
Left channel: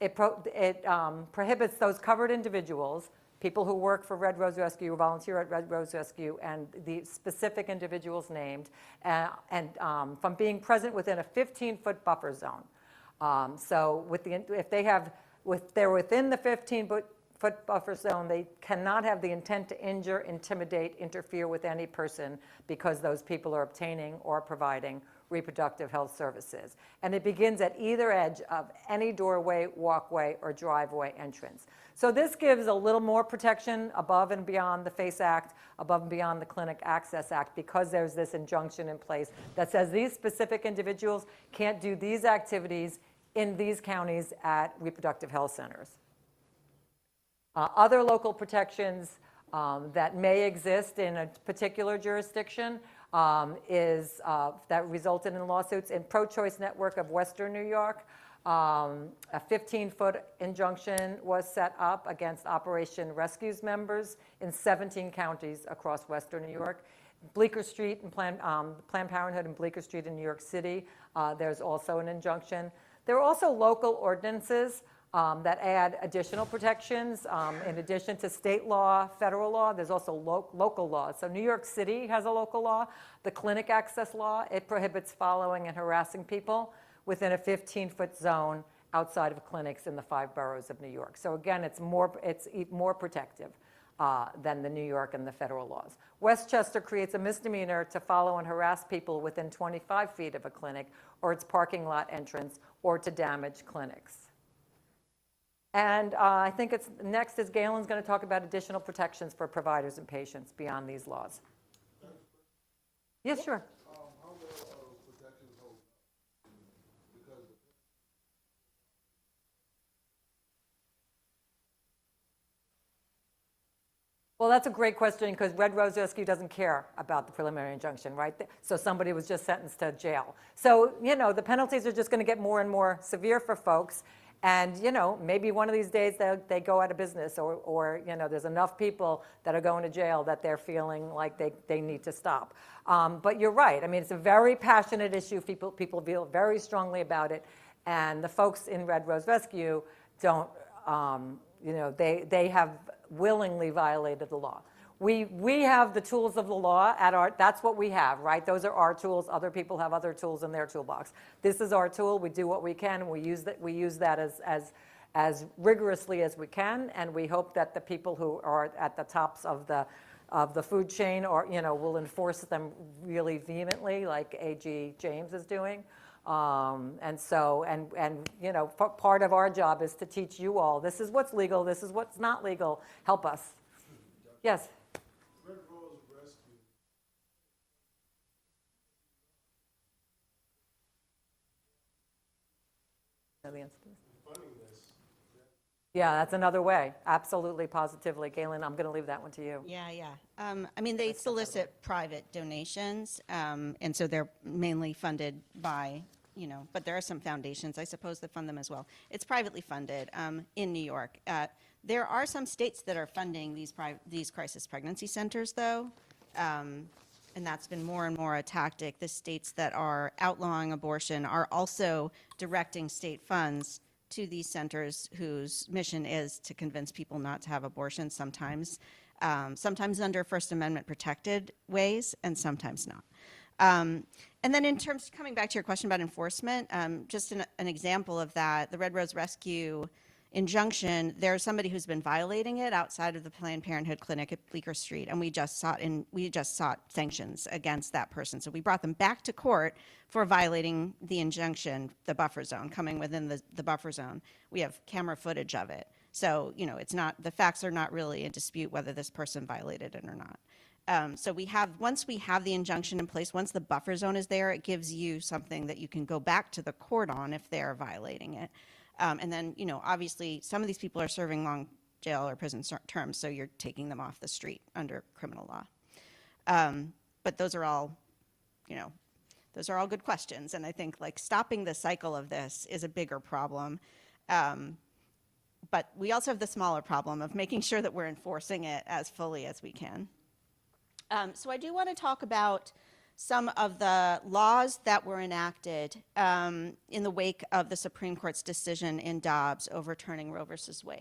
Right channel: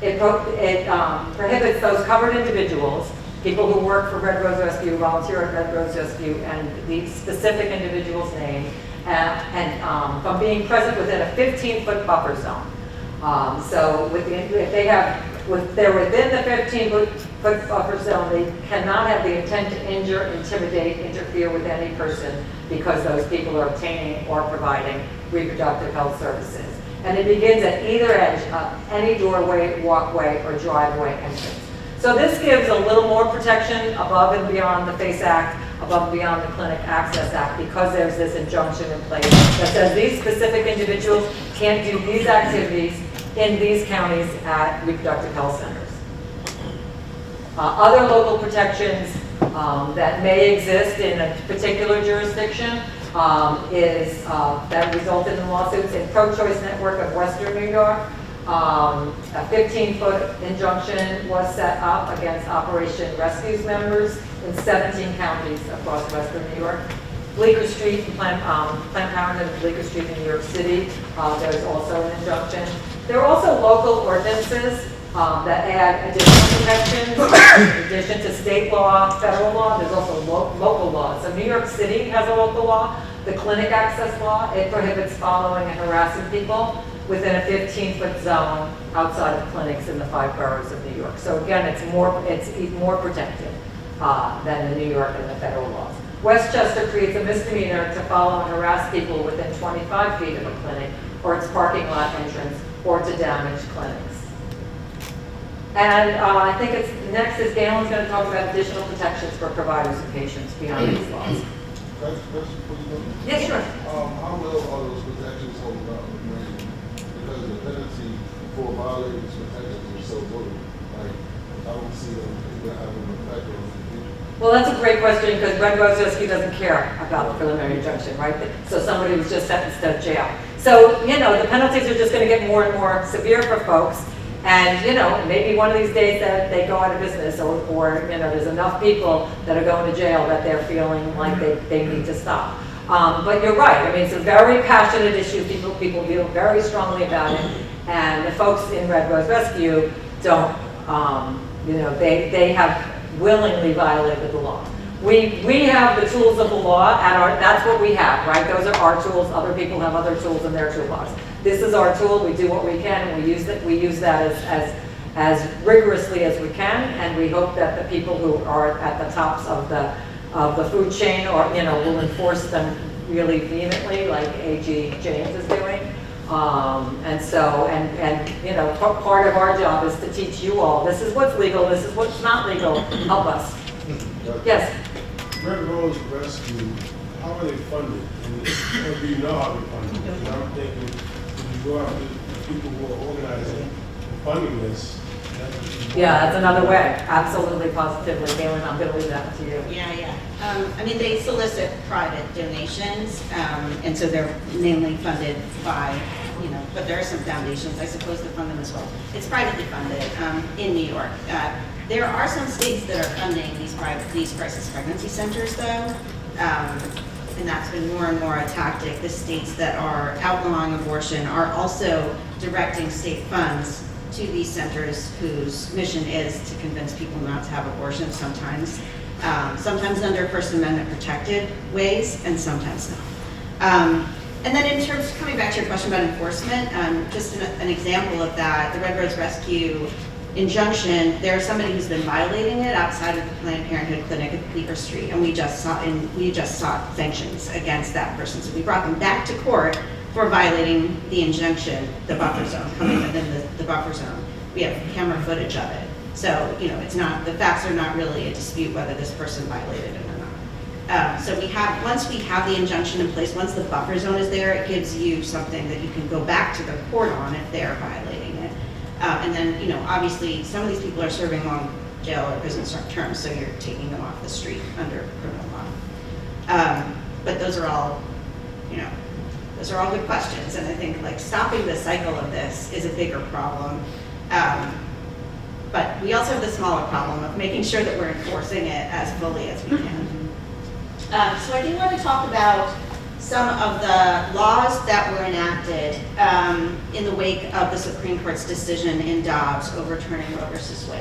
It prohibits those covered individuals, people who work for Red Rose Rescue, volunteer at Red Rose Rescue, and the specific individual's name, from being present within a 15-foot buffer zone. So if they're within the 15-foot buffer zone, they cannot have the intent to injure, intimidate, interfere with any person because those people are obtaining or providing reproductive health services. And it begins at either edge of any doorway, walkway, or driveway entrance. So this gives a little more protection above and beyond the FACE Act, above and beyond the Clinic Access Act, because there's this injunction in place that says these specific individuals can't do these activities in these counties at reproductive health centers. Other local protections that may exist in a particular jurisdiction that resulted in lawsuits in Pro-Choice Network of Western New York. A 15-foot injunction was set up against Operation Rescue's members in 17 counties across Western New York. Bleecker Street in Planned Parenthood and Bleecker Street in New York City, there's also an injunction. There are also local ordinances that add additional protections in addition to state law, federal law. There's also local law. So New York City has a local law. The Clinic Access Law, it prohibits following and harassing people within a 15-foot zone outside of clinics in the 5 boroughs of New York. So again, it's more protected than the New York and the federal laws. Westchester creates a misdemeanor to follow and harass people within 25 feet of a clinic or its parking lot entrance or to damage clinics. And I think next is Galen's going to talk about additional protections for providers and patients beyond these laws. Yes, sure. How well are those protections holding up? Because the penalty for violating these protections is so little. Like, I don't see them having an effect on people. Well, that's a great question because Red Rose Rescue doesn't care about the preliminary injunction, right? So somebody was just sentenced to jail. So, the penalties are just going to get more and more severe for folks. And, maybe one of these days that they go out of business or there's enough people that are going to jail that they're feeling like they need to stop. But you're right. I mean, it's a very passionate issue. People feel very strongly about it. And the folks in Red Rose Rescue don't, they have willingly violated the law. We have the tools of the law that's what we have, right? Those are our tools. Other people have other tools in their toolbox. This is our tool. We do what we can, and we use that as rigorously as we can, and we hope that the people who are at the tops of the food chain will enforce them really vehemently, like AG James is doing. Part of our job is to teach you all, this is what's legal, this is what's not legal, help us. Yes? Red Rose Rescue, how are they funded? Or do you know how they're funded? And I'm thinking, if you go after the people who are organizing and funding this, Yeah, that's another way. Absolutely, positively. Galen, I'm going to leave that to you. Yeah. They solicit private donations, and so they're mainly funded by, but there are some foundations, I suppose, that fund them as well. It's privately funded in New York. There are some states that are funding these crisis pregnancy centers, though, and that's been more and more a tactic. The states that are outlawing abortion are also directing state funds to these centers whose mission is to convince people not to have abortions sometimes under First Amendment protected ways and sometimes not. And then in terms, coming back to your question about enforcement, just an example of that, the Red Rose Rescue injunction, there's somebody who's been violating it outside of the Planned Parenthood clinic at Bleecker Street, and we just sought sanctions against that person. So we brought them back to court for violating the injunction, the buffer zone, coming within the buffer zone. We have camera footage of it. So, it's not, the facts are not really a dispute whether this person violated it or not. So once we have the injunction in place, once the buffer zone is there, it gives you something that you can go back to the court on if they're violating it. And then, obviously, some of these people are serving jail or prison terms, so you're taking them off the street under criminal law. But those are all, those are all good questions, and I think like stopping the cycle of this is a bigger problem. But we also have the smaller problem of making sure that we're enforcing it as fully as we can. So I do want to talk about some of the laws that were enacted in the wake of the Supreme Court's decision in Dobbs overturning Roe versus Wade.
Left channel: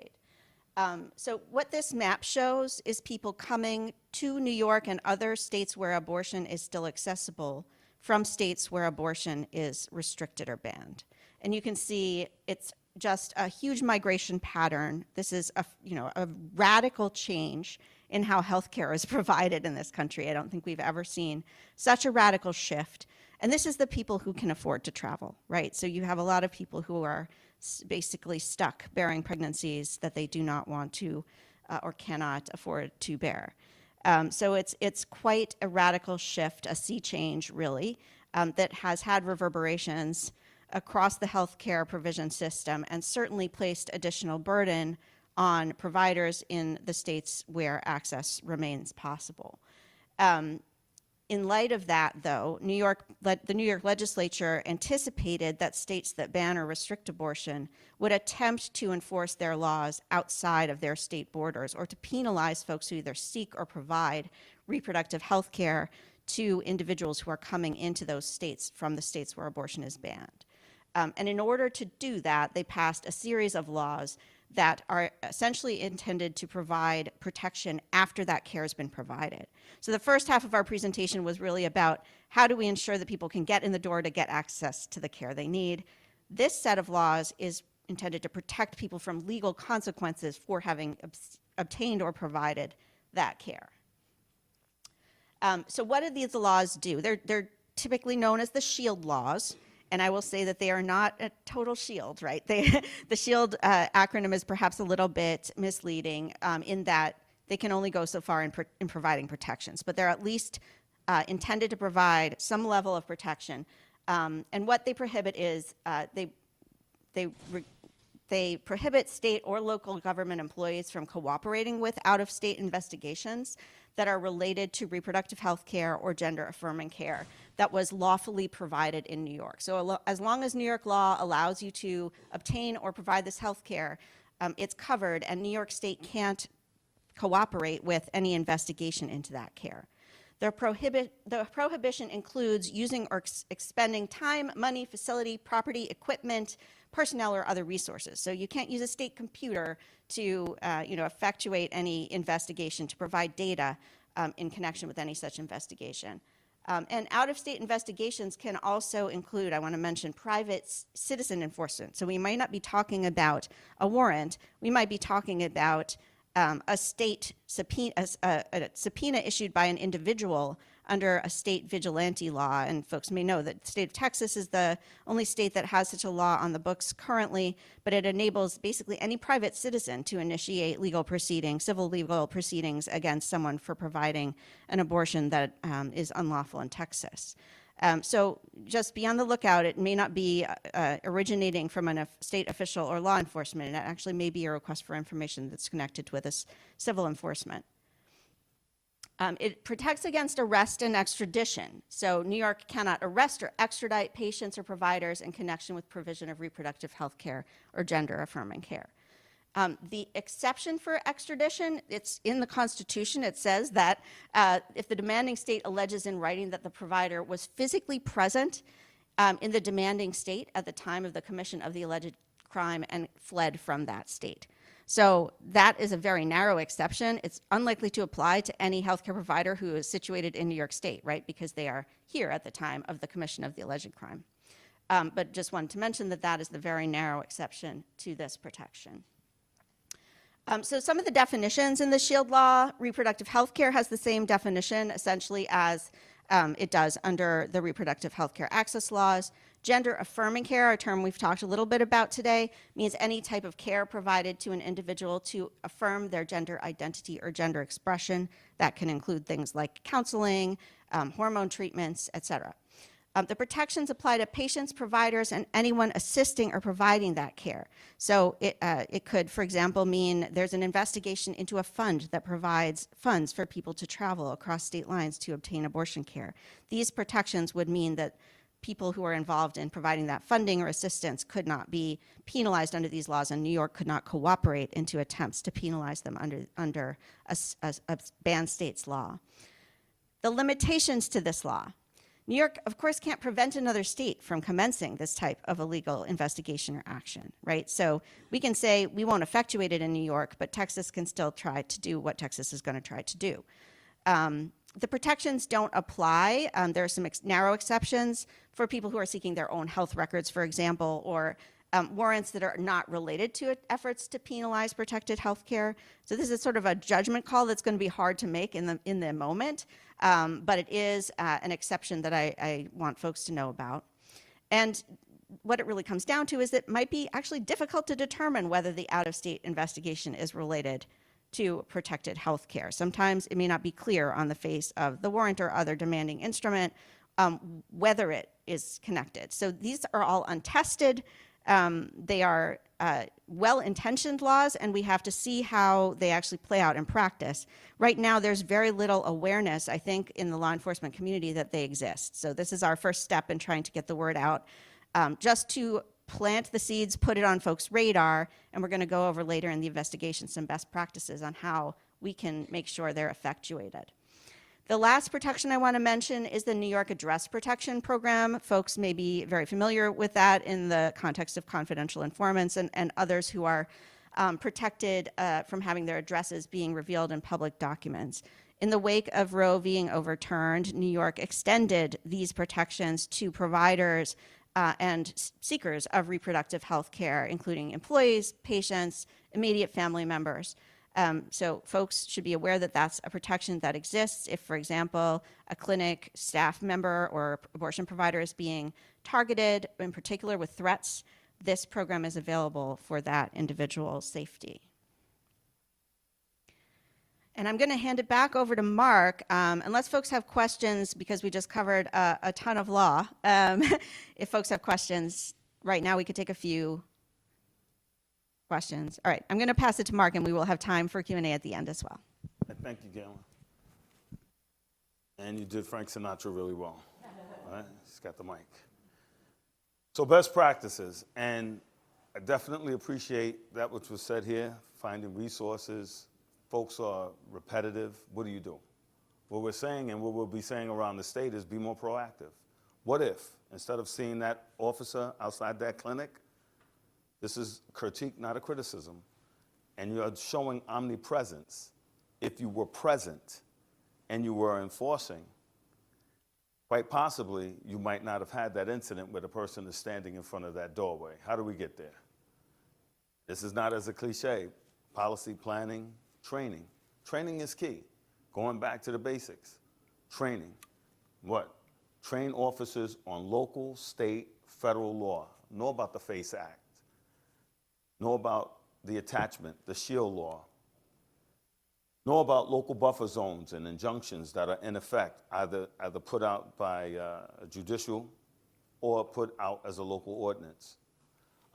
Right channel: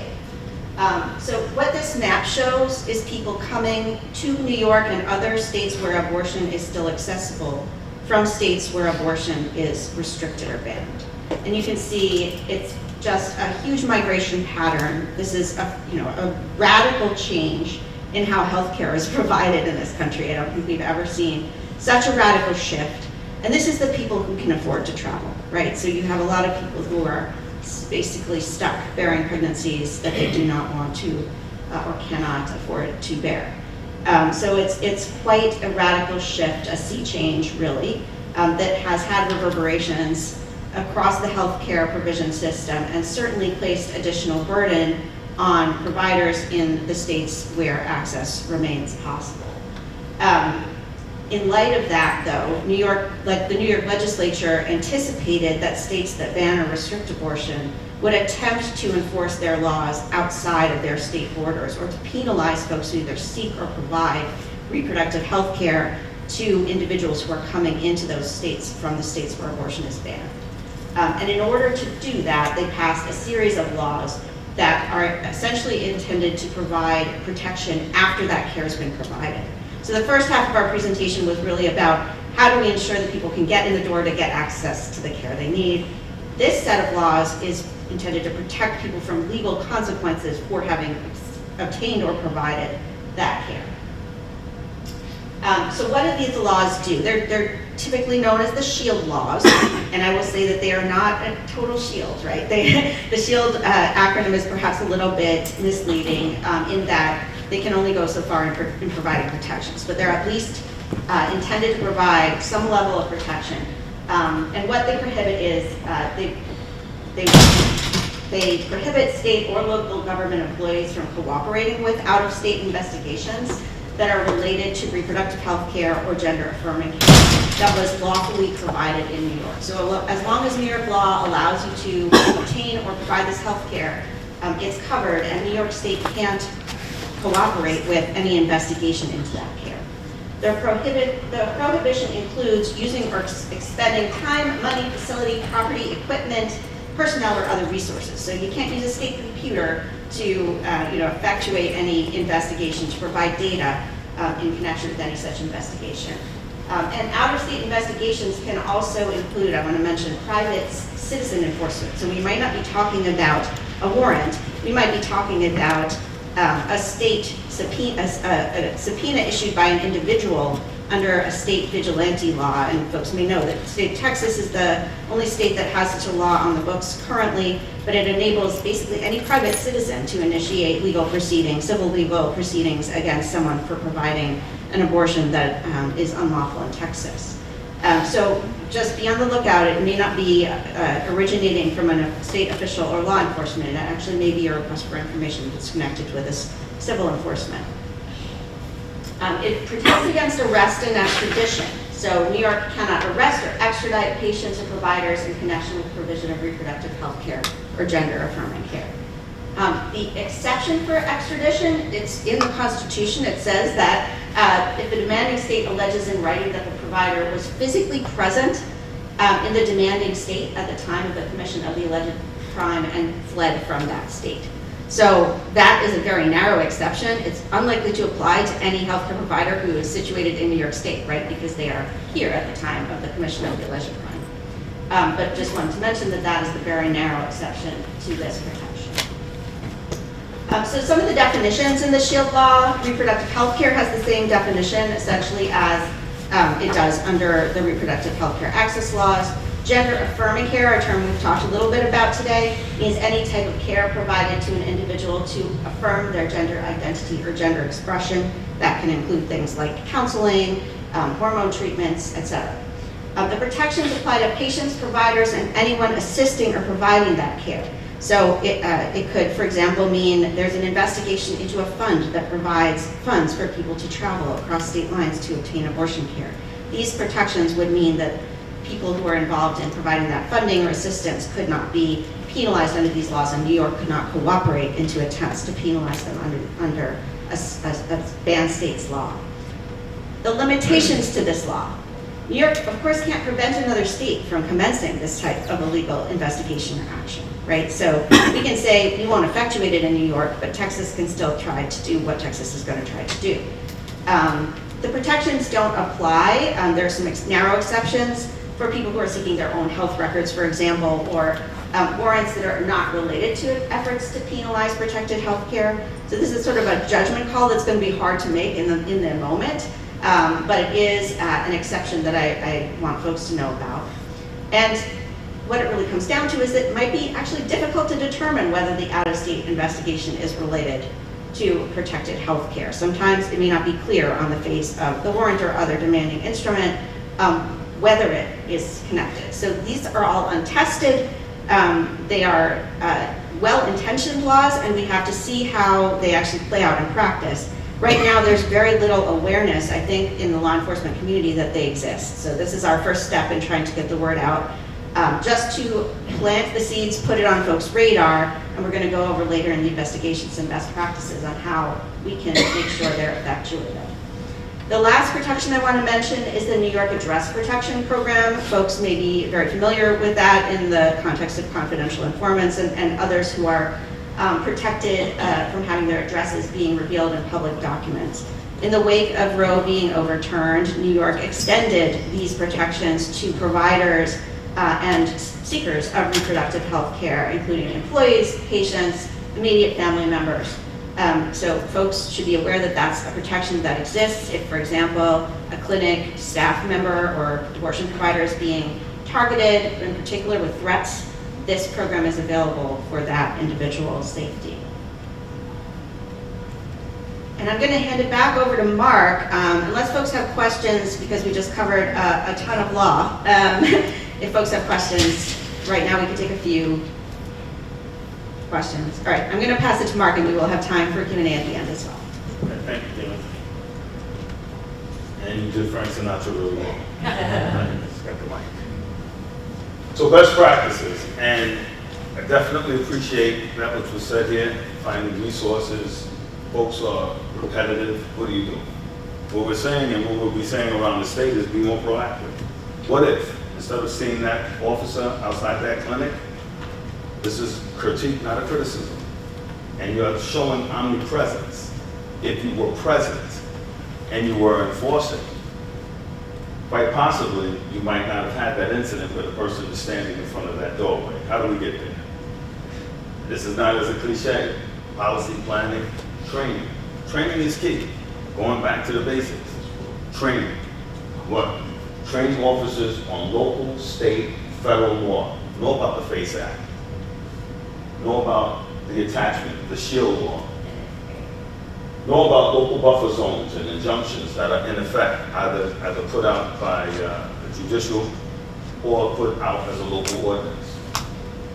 So what this map shows is people coming to New York and other states where abortion is still accessible from states where abortion is restricted or banned. And you can see it's just a huge migration pattern. This is a radical change in how healthcare is provided in this country. I don't think we've ever seen such a radical shift. And this is the people who can afford to travel, right? So you have a lot of people who are basically stuck bearing pregnancies that they do not want to or cannot afford to bear. So it's quite a radical shift, a sea change really, that has had reverberations across the healthcare provision system and certainly placed additional burden on providers in the states where access remains possible. In light of that, though, the New York legislature anticipated that states that ban or restrict abortion would attempt to enforce their laws outside of their state borders or to penalize folks who either seek or provide reproductive health care to individuals who are coming into those states from the states where abortion is banned. And in order to do that, they passed a series of laws that are essentially intended to provide protection after that care has been provided. So the first half of our presentation was really about how do we ensure that people can get in the door to get access to the care they need. This set of laws is intended to protect people from legal consequences for having obtained or provided that care. So what do these laws do? They're typically known as the SHIELD laws, and I will say that they are not a total shield, right? The SHIELD acronym is perhaps a little bit misleading in that they can only go so far in providing protections, but they're at least intended to provide some level of protection. And what they prohibit is they prohibit state or local government employees from cooperating with out-of-state investigations that are related to reproductive health care or gender-affirming care that was lawfully provided in New York. So as long as New York law allows you to obtain or provide this health care, it's covered, and New York State can't cooperate with any investigation into that care. The prohibition includes using or expending time, money, facility, property, equipment, personnel, or other resources. So you can't use a state computer to effectuate any investigation, to provide data in connection with any such investigation. And out-of-state investigations can also include, I want to mention, private citizen enforcement. So we might not be talking about a warrant, we might be talking about a state subpoena, a subpoena issued by an individual under a state vigilante law, and folks may know that the state of Texas is the only state that has such a law on the books currently, but it enables basically any private citizen to initiate legal proceedings, civil legal proceedings against someone for providing an abortion that is unlawful in Texas. So just be on the lookout. It may not be originating from a state official or law enforcement. It actually may be a request for information that's connected with this civil enforcement. It protects against arrest and extradition. So New York cannot arrest or extradite patients or providers in connection with provision of reproductive health care or gender-affirming care. The exception for extradition, it's in the Constitution. It says that if the demanding state alleges in writing that the provider was physically present in the demanding state at the time of the commission of the alleged crime and fled from that state. So that is a very narrow exception. It's unlikely to apply to any healthcare provider who is situated in New York State, right? Because they are here at the time of the commission of the alleged crime. But just wanted to mention that that is the very narrow exception to this protection. So some of the definitions in the SHIELD law, reproductive health care has the same definition essentially as it does under the reproductive health care access laws. Gender-affirming care, a term we've talked a little bit about today, means any type of care provided to an individual to affirm their gender identity or gender expression. That can include things like counseling, hormone treatments, etc. The protections apply to patients, providers, and anyone assisting or providing that care. So it could, for example, mean there's an investigation into a fund that provides funds for people to travel across state lines to obtain abortion care. These protections would mean that people who are involved in providing that funding or assistance could not be penalized under these laws, and New York could not cooperate into attempts to penalize them under a banned state's law. The limitations to this law. New York, of course, can't prevent another state from commencing this type of illegal investigation or action, right? So we can say we won't effectuate it in New York, but Texas can still try to do what Texas is going to try to do. The protections don't apply. There are some narrow exceptions for people who are seeking their own health records, for example, or warrants that are not related to efforts to penalize protected health care. So this is sort of a judgment call that's going to be hard to make in the moment. But it is an exception that I want folks to know about. And what it really comes down to is it might be actually difficult to determine whether the out-of-state investigation is related to protected health care. Sometimes it may not be clear on the face of the warrant or other demanding instrument whether it is connected. So these are all untested. They are well-intentioned laws, and we have to see how they actually play out in practice. Right now, there's very little awareness, I think, in the law enforcement community that they exist. So this is our first step in trying to get the word out, just to plant the seeds, put it on folks' radar, and we're going to go over later in the investigation some best practices on how we can make sure they're effectuated. The last protection I want to mention is the New York Address Protection Program. Folks may be very familiar with that in the context of confidential informants and others who are protected from having their addresses being revealed in public documents. In the wake of Roe being overturned, New York extended these protections to providers and seekers of reproductive health care, including employees, patients, immediate family members. So folks should be aware that that's a protection that exists if, for example, a clinic staff member or abortion provider is being targeted, in particular with threats. This program is available for that individual's safety. And I'm going to hand it back over to Mark, unless folks have questions, because we just covered a ton of law. If folks have questions, right now we can take a few questions. All right, I'm going to pass it to Mark, and we will have time for Q&A at the end as well. Okay, thank you, Tina. And you did Frank Sinatra really well. Just got the mic. So best practices, and I definitely appreciate that which was said here, finding resources. Folks are repetitive. What do you do? What we're saying and what we'll be saying around the state is be more proactive. What if, instead of seeing that officer outside that clinic, this is critique, not a criticism, and you're showing omnipresence. If you were present and you were enforcing, quite possibly you might not have had that incident where the person is standing in front of that doorway. How do we get there? This is not as a cliche. Policy, planning, training. Training is key. Going back to the basics. Training. What? Train officers on local, state, federal law. Know about the FACE Act. Know about the attachment, the SHIELD law. Know about local buffer zones and injunctions that are in effect, either put out by the judicial or put out as a local ordinance.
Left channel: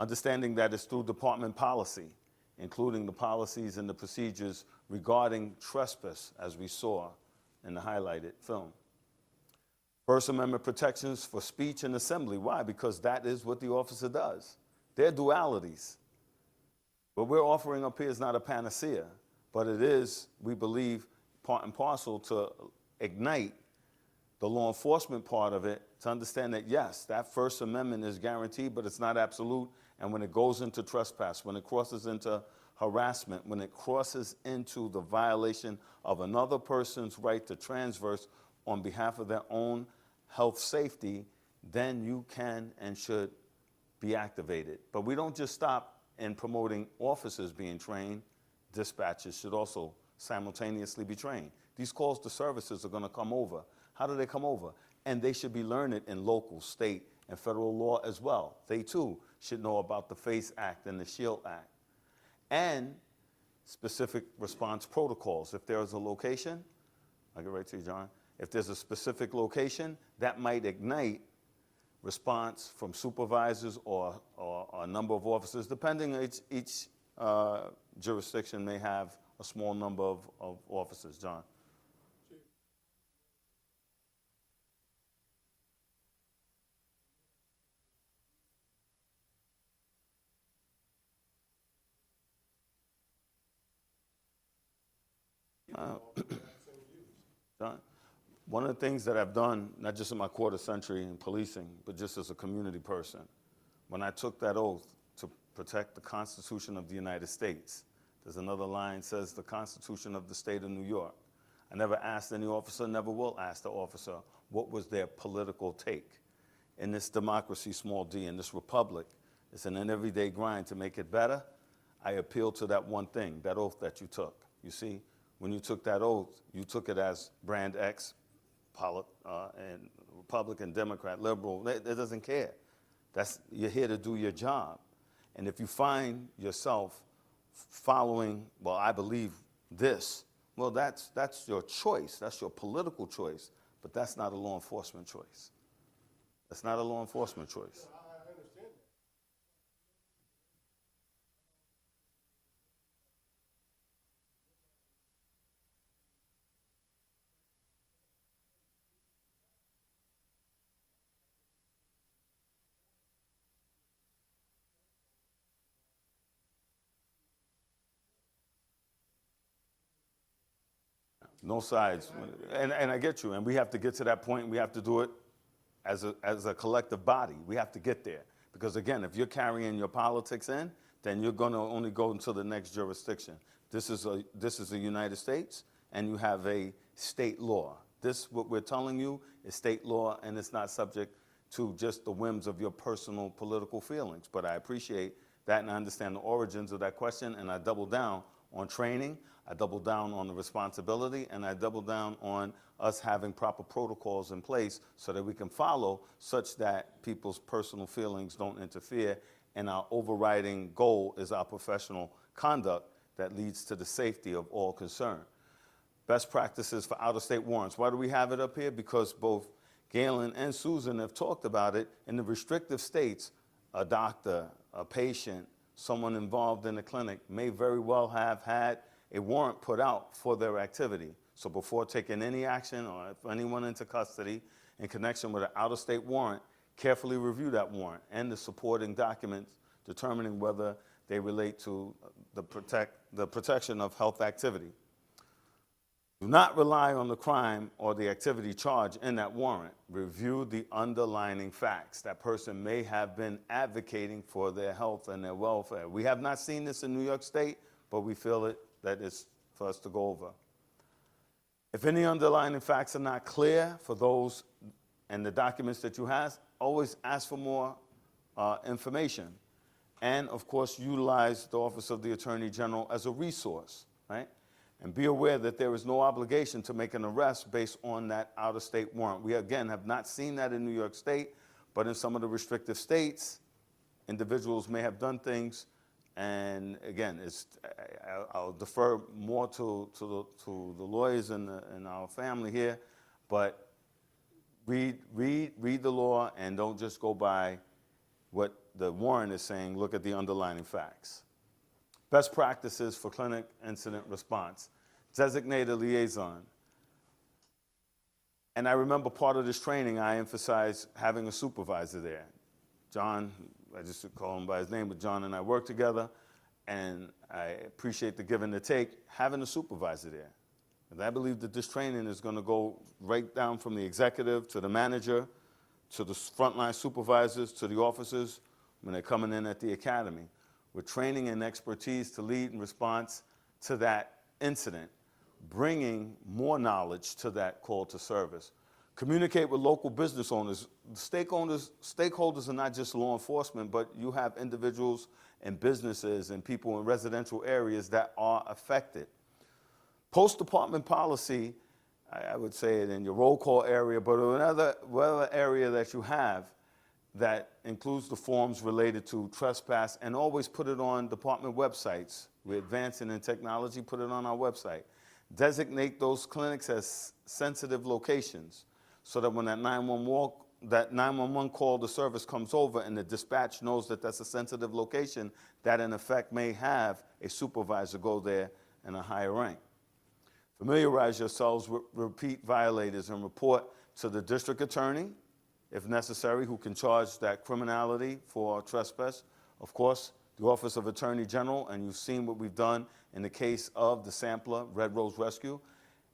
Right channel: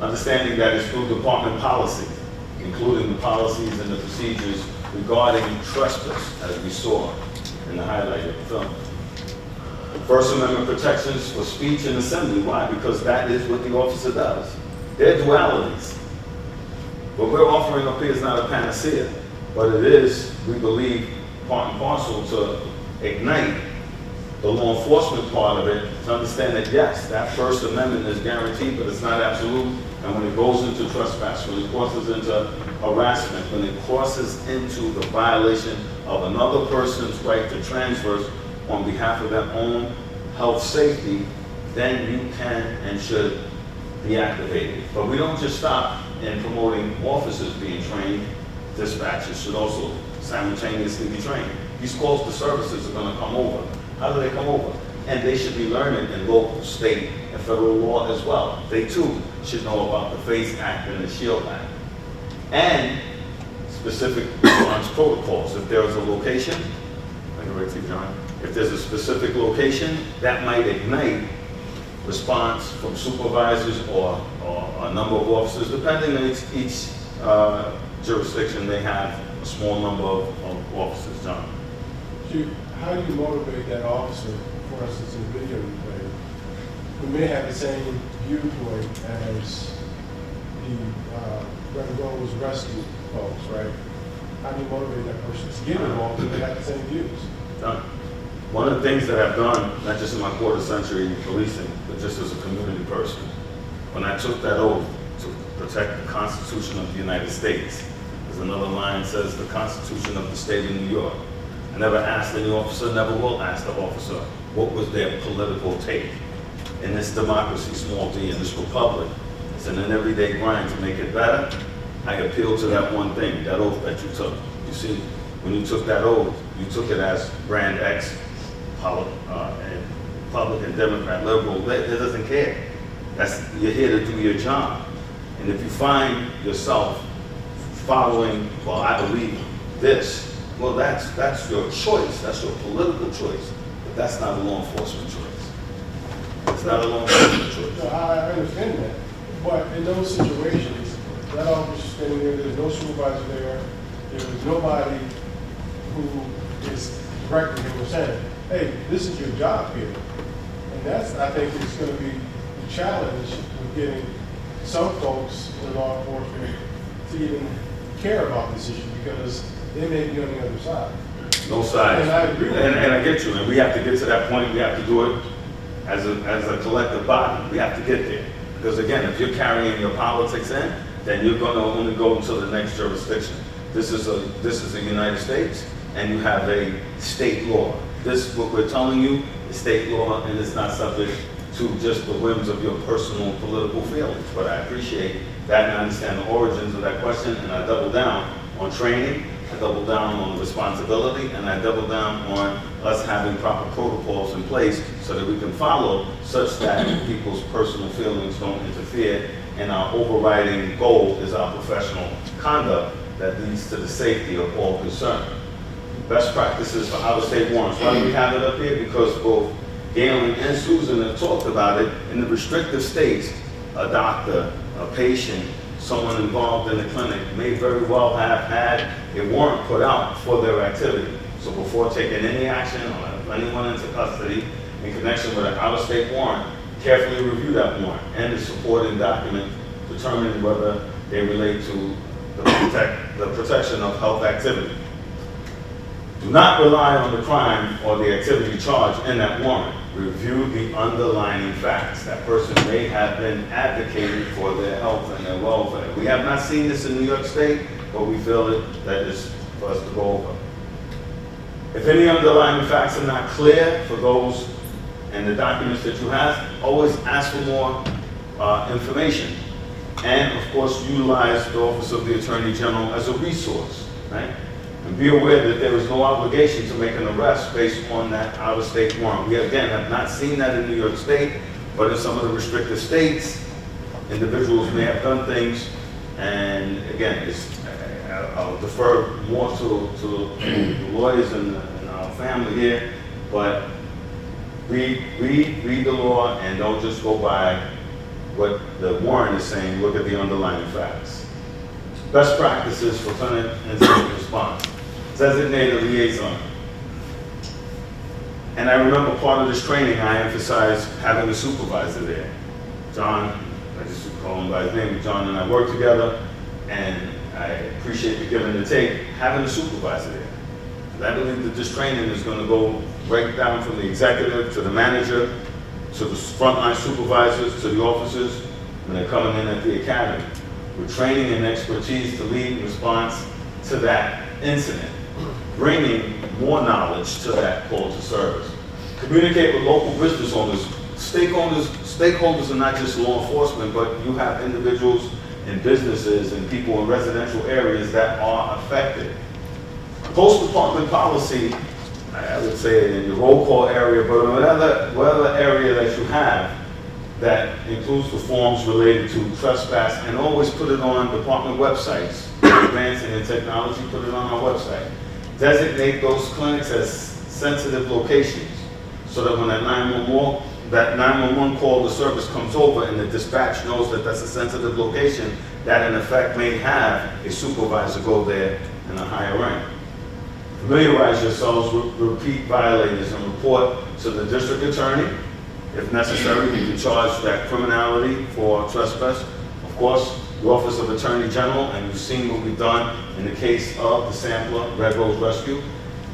Understanding that it's through department policy, including the policies and the procedures regarding trespass, as we saw in the highlight of the film. First Amendment protections for speech and assembly. Why? Because that is what the officer does. They're dualities. What we're offering up here is not a panacea, but it is, we believe, part and parcel to ignite the law enforcement part of it, to understand that yes, that First Amendment is guaranteed, but it's not absolute. And when it goes into trespass, when it crosses into harassment, when it crosses into the violation of another person's right to transverse on behalf of their own health safety, then you can and should be activated. But we don't just stop in promoting officers being trained. Dispatchers should also simultaneously be trained. These calls to services are going to come over. How do they come over? And they should be learning in local, state, and federal law as well. They too should know about the FACE Act and the SHIELD Act. And specific response protocols. If there is a location, I can wait for you, John. If there's a specific location, that might ignite response from supervisors or a number of officers, depending on each jurisdiction, they have a small number of officers, John. How do you motivate that officer, for instance, in the video you played, who may have the same viewpoint as the Red Rose Rescue folks, right? How do you motivate that person to get involved when they have the same views? Done. One of the things that I've done, not just in my quarter century policing, but just as a community person, when I took that oath to protect the Constitution of the United States, there's another line that says the Constitution of the State of New York. I never asked any officer, never will ask the officer, what was their political take. In this democracy, small d, in this republic, it's an everyday grind to make it better. I appeal to that one thing, that oath that you took. You see, when you took that oath, you took it as brand X, and Republican, Democrat, liberal, it doesn't care. You're here to do your job. And if you find yourself following, well, I believe this, well, that's your choice, that's your political choice, but that's not a law enforcement choice. It's not a law enforcement choice. No, I understand that, but in those situations, that officer standing there, there's no supervisor there, there's nobody who is directing him or saying, hey, this is your job here. And that's, I think, is going to be the challenge with getting some folks in law enforcement to even care about this issue, because they may be on the other side. No sides. And I agree with And I get you, and we have to get to that point, we have to do it as a collective body. We have to get there. Because again, if you're carrying your politics in, then you're going to only go until the next jurisdiction. This is the United States, and you have a state law. This, what we're telling you, is state law, and it's not subject to just the whims of your personal political feelings. But I appreciate that, and I understand the origins of that question, and I double down on training, I double down on responsibility, and I double down on us having proper protocols in place so that we can follow, such that people's personal feelings don't interfere, and our overriding goal is our professional conduct that leads to the safety of all concerned. Best practices for out-of-state warrants. Why do we have it up here? Because both Galen and Susan have talked about it. In the restrictive states, a doctor, a patient, someone involved in the clinic may very well have had a warrant put out for their activity. So before taking any action or anyone into custody in connection with an out-of-state warrant, carefully review that warrant and the supporting document, determining whether they relate to the protection of health activity. Do not rely on the crime or the activity charged in that warrant. Review the underlying facts. That person may have been advocating for their health and their welfare. We have not seen this in New York State, but we feel that is for us to go over. If any underlying facts are not clear for those and the documents that you have, always ask for more information. And of course, utilize the Office of the Attorney General as a resource, right? And be aware that there is no obligation to make an arrest based on that out-of-state warrant. We, again, have not seen that in New York State, but in some of the restricted states, individuals may have done things, and again, I'll defer more to the lawyers and our family here, but read the law and don't just go by what the warrant is saying, look at the underlying facts. Best practices for clinic incident response. Designate a liaison. And I remember part of this training, I emphasized having a supervisor there. John, I just call him by his name, John and I work together, and I appreciate the give and the take, having a supervisor there. And I believe that this training is going to go right down from the executive to the manager, to the frontline supervisors, to the officers, when they're coming in at the academy. With training and expertise to lead in response to that incident, bringing more knowledge to that call to service. Communicate with local business owners. Stakeholders are not just law enforcement, but you have individuals and businesses and people in residential areas that are affected. Post-department policy, I would say in your roll call area, but whatever area that you have, that includes the forms related to trespass, and always put it on department websites. Advancing in technology, put it on our website. Designate those clinics as sensitive locations so that when that 911 call to service comes over and the dispatch knows that that's a sensitive location, that in effect may have a supervisor go there in a higher rank. Familiarize yourselves with repeat violators and report to the district attorney. If necessary, you can charge that criminality for trespass. Of course, the Office of Attorney General, and you've seen what we've done in the case of the Sampler Red Rose Rescue,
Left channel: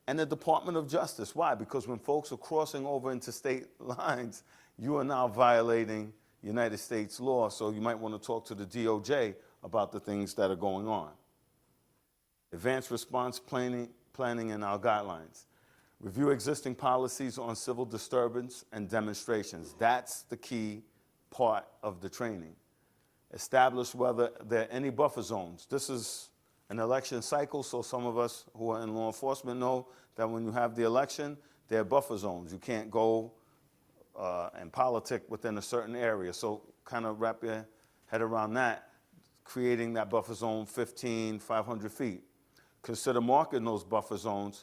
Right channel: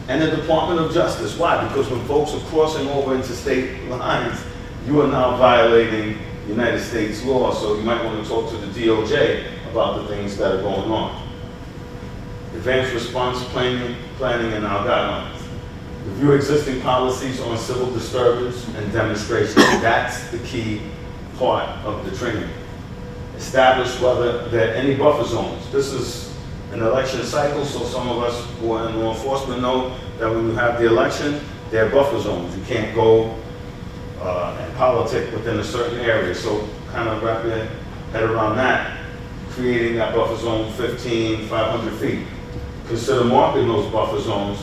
and the Department of Justice. Why? Because when folks are crossing over into state lines, you are now violating United States law, so you might want to talk to the DOJ about the things that are going on. Advanced response planning and our guidelines. Review existing policies on civil disturbance and demonstration. That's the key part of the training. Establish whether there are any buffer zones. This is an election cycle, so some of us who are in law enforcement know that when you have the election, there are buffer zones. You can't go and politic within a certain area. So kind of wrap your head around that, creating that buffer zone 500 feet. Consider marking those buffer zones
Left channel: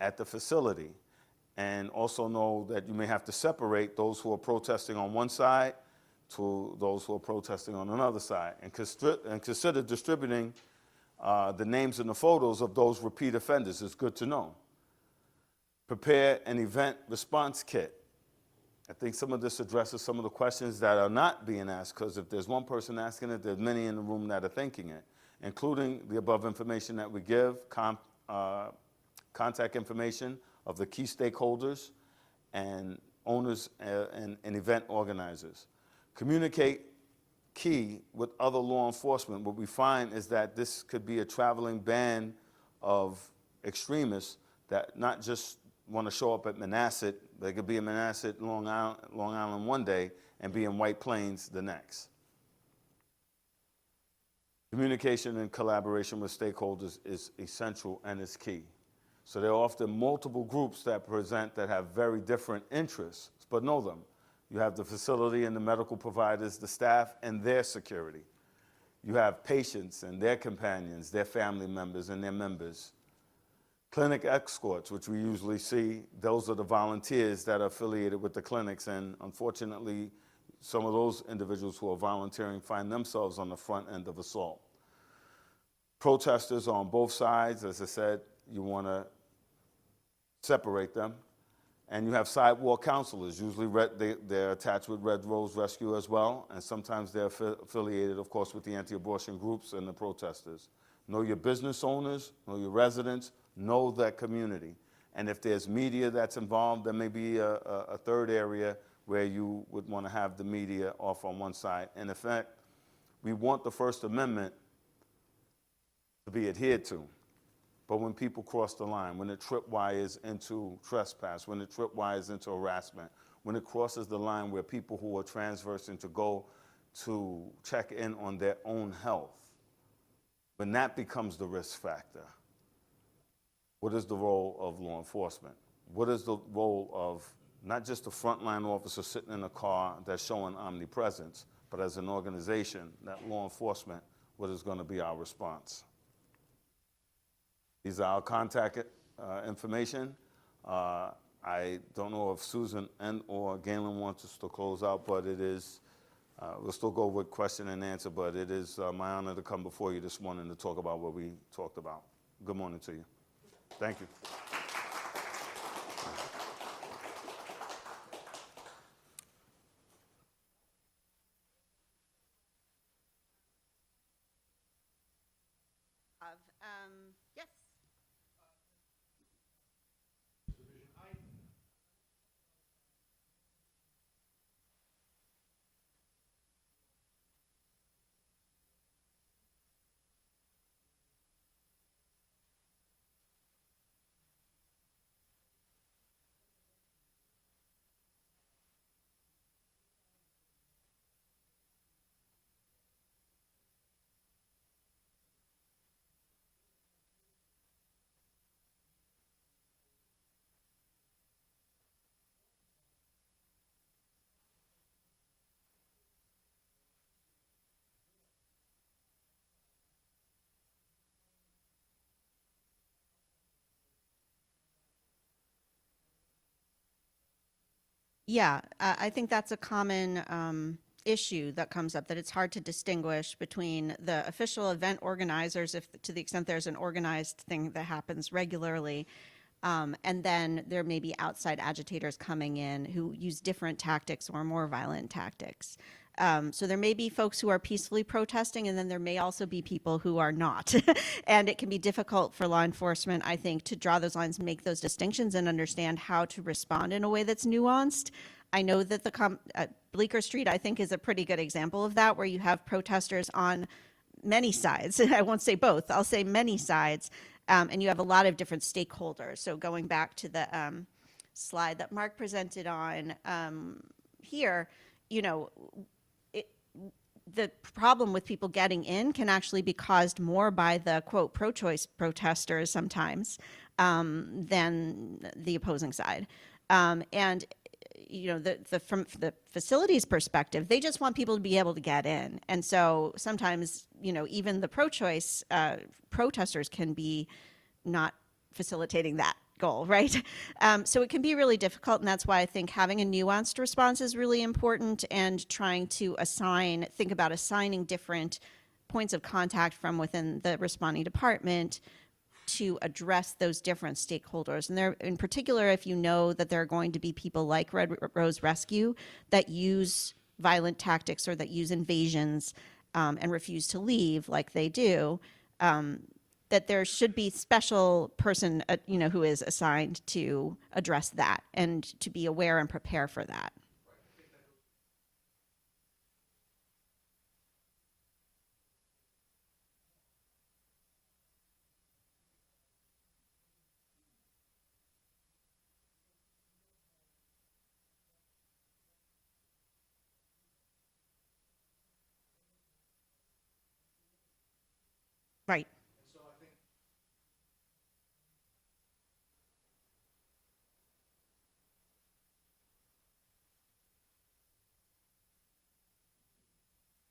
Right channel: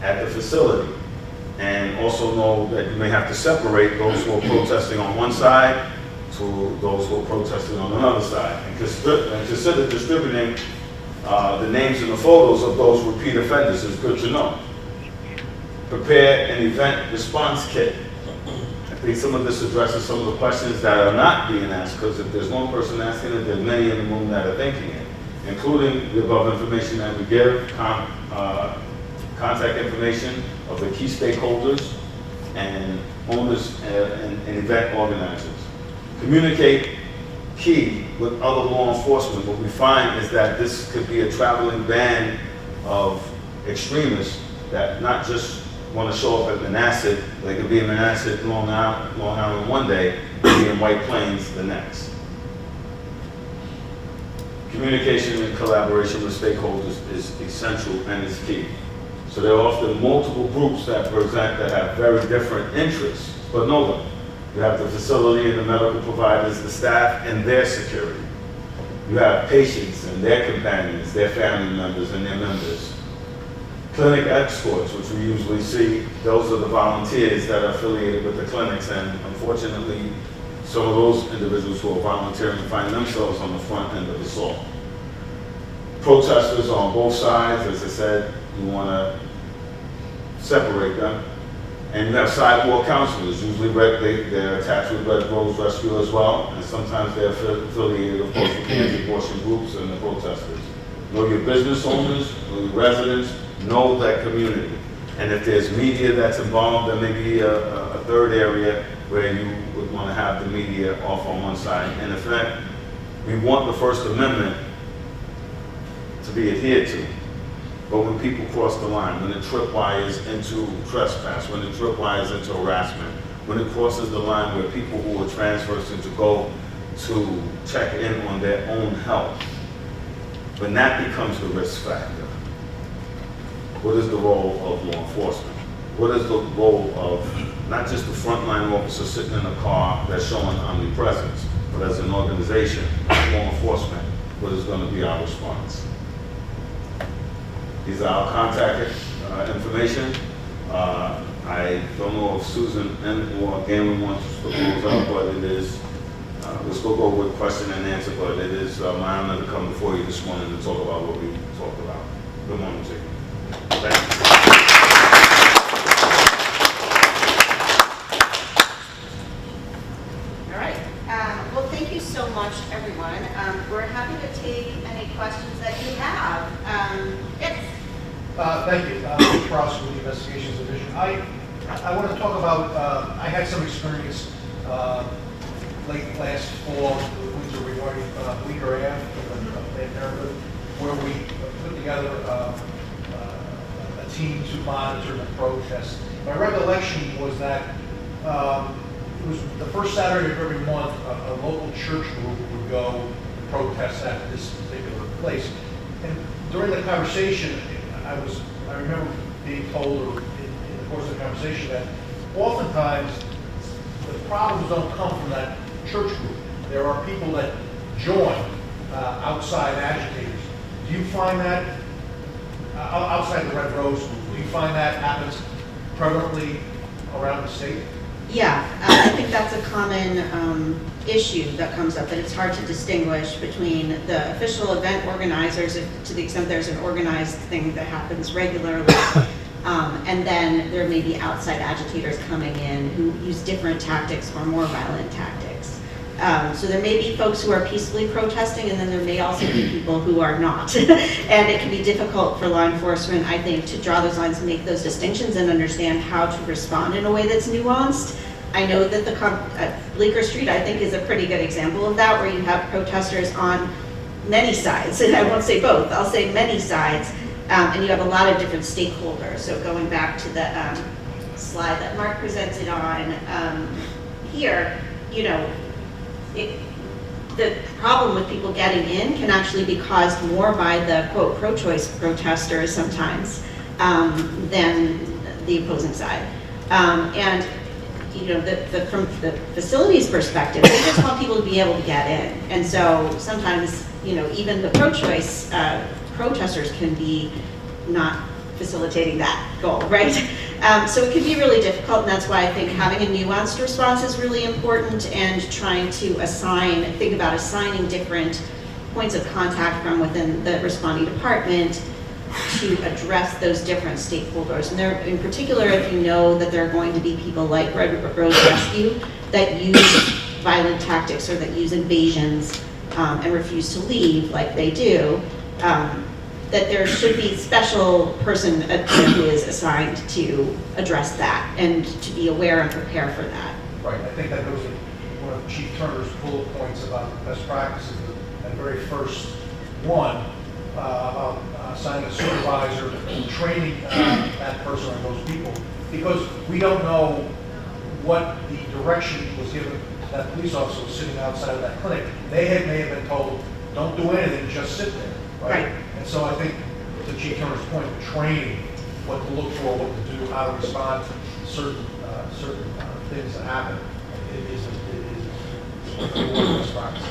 at the facility. And also know that you may have to separate those who are protesting on one side to those who are protesting on another side. And consider distributing the names and the photos of those repeat offenders. Is good to know. Prepare an event response kit. I think some of this addresses some of the questions that are not being asked, because if there's one person asking it, there's many in the room that are thinking it, including the above information that we give, contact information of the key stakeholders and owners and event organizers. Communicate key with other law enforcement. What we find is that this could be a traveling band of extremists that not just want to show up at Manhasset. They could be in Manhasset, Long Island one day, and be in White Plains the next. Communication and collaboration with stakeholders is essential and is key. So there are often multiple groups that present that have very different interests, but know them. You have the facility and the medical providers, the staff and their security. You have patients and their companions, their family members and their members. Clinic escorts, which we usually see, those are the volunteers that are affiliated with the clinics, and unfortunately, some of those individuals who are volunteering find themselves on the front end of the assault. Protesters on both sides, as I said, you want to separate them. And you have sidewalk counselors, usually they're attached with Red Rose Rescue as well, and sometimes they're affiliated, of course, with the anti-abortion groups and the protesters. Know your business owners, know your residents, know that community. And if there's media that's involved, there may be a third area where you would want to have the media off on one side. And in fact, we want the First Amendment to be adhered to. But when people cross the line, when it tripwires into trespass, when it tripwires into harassment, when it crosses the line where people who are transversing to go to check in on their own health, when that becomes the risk factor, what is the role of law enforcement? What is the role of not just the frontline officer sitting in a car that's showing omnipresence, but as an organization, as law enforcement, what is going to be our response? These are our contact information. I don't know if Susan or Galen wants to close out, but it is, we'll still go with question and answer, but it is my honor to come before you this morning to talk about what we talked about. Good morning to you. Thank you. All right. Well, thank you so much, everyone. We're happy to take any questions that you have. Yes. Thank you. Mr. Ross with the Investigations Division. I want to talk about, I had some experience late last fall, winter regarding a week or a half in Parenthood, where we put together a team to monitor the protest. My recollection was that it was the first Saturday of every month, a local church group would go protest at this particular place. And during the conversation, I remember being told in the course of the conversation that oftentimes the problems don't come from that church group. There are people that join outside agitators. Do you find that outside the Red Rose group? Do you find that happens prevalently around the state? Yeah, I think that's a common issue that comes up, that it's hard to distinguish between the official event organizers, to the extent there's an organized thing that happens regularly, and then there may be outside agitators coming in who use different tactics or more violent tactics. So there may be folks who are peacefully protesting, and then there may also be people who are not. And it can be difficult for law enforcement, I think, to draw those lines and make those distinctions and understand how to respond in a way that's nuanced. I know that Bleecker Street, I think, is a pretty good example of that, where you have protesters on many sides, and I won't say both, I'll say many sides, and you have a lot of different stakeholders. So going back to the slide that Mark presented on here, you know, the problem with people getting in can actually be caused more by the, quote, pro-choice protesters sometimes than the opposing side. And you know, from the facility's perspective, they just want people to be able to get in. And so sometimes, you know, even the pro-choice protesters can be not facilitating that goal, right? So it can be really difficult, and that's why I think having a nuanced response is really important, and trying to think about assigning different points of contact from within the responding department to address those different stakeholders. And there, in particular, if you know that there are going to be people like Reproductive Rescue that use violent tactics or that use invasions and refuse to leave like they do, that there should be a special person who is assigned to address that and to be aware and prepare for that. Right, I think that goes to one of Chief Turner's bullet points about best practices, that very first one, about assigning a supervisor and training that person or those people, because we don't know what the direction was given. That police officer was sitting outside of that clinic. They may have been told, don't do anything, just sit there, right? And so I think, to Chief Turner's point, training, what to look for, what to do, how to respond to certain things that happen, is a best practice.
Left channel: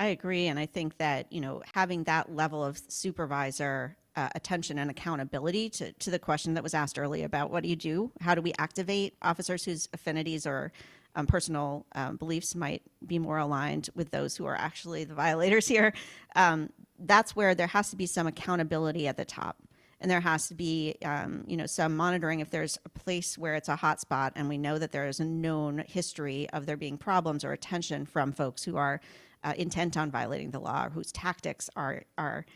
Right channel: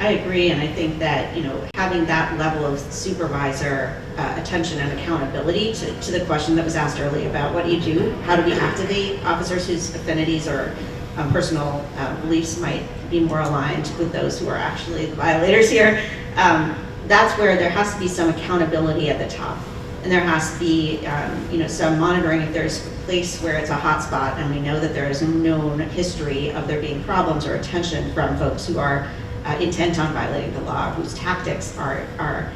I agree, and I think that, you know, having that level of supervisor attention and accountability to the question that was asked earlier about what do you do, how do we activate officers whose affinities or personal beliefs might be more aligned with those who are actually the violators here. That's where there has to be some accountability at the top, and there has to be, you know, some monitoring if there's a place where it's a hot spot, and we know that there is a known history of there being problems or attention from folks who are intent on violating the law, whose tactics are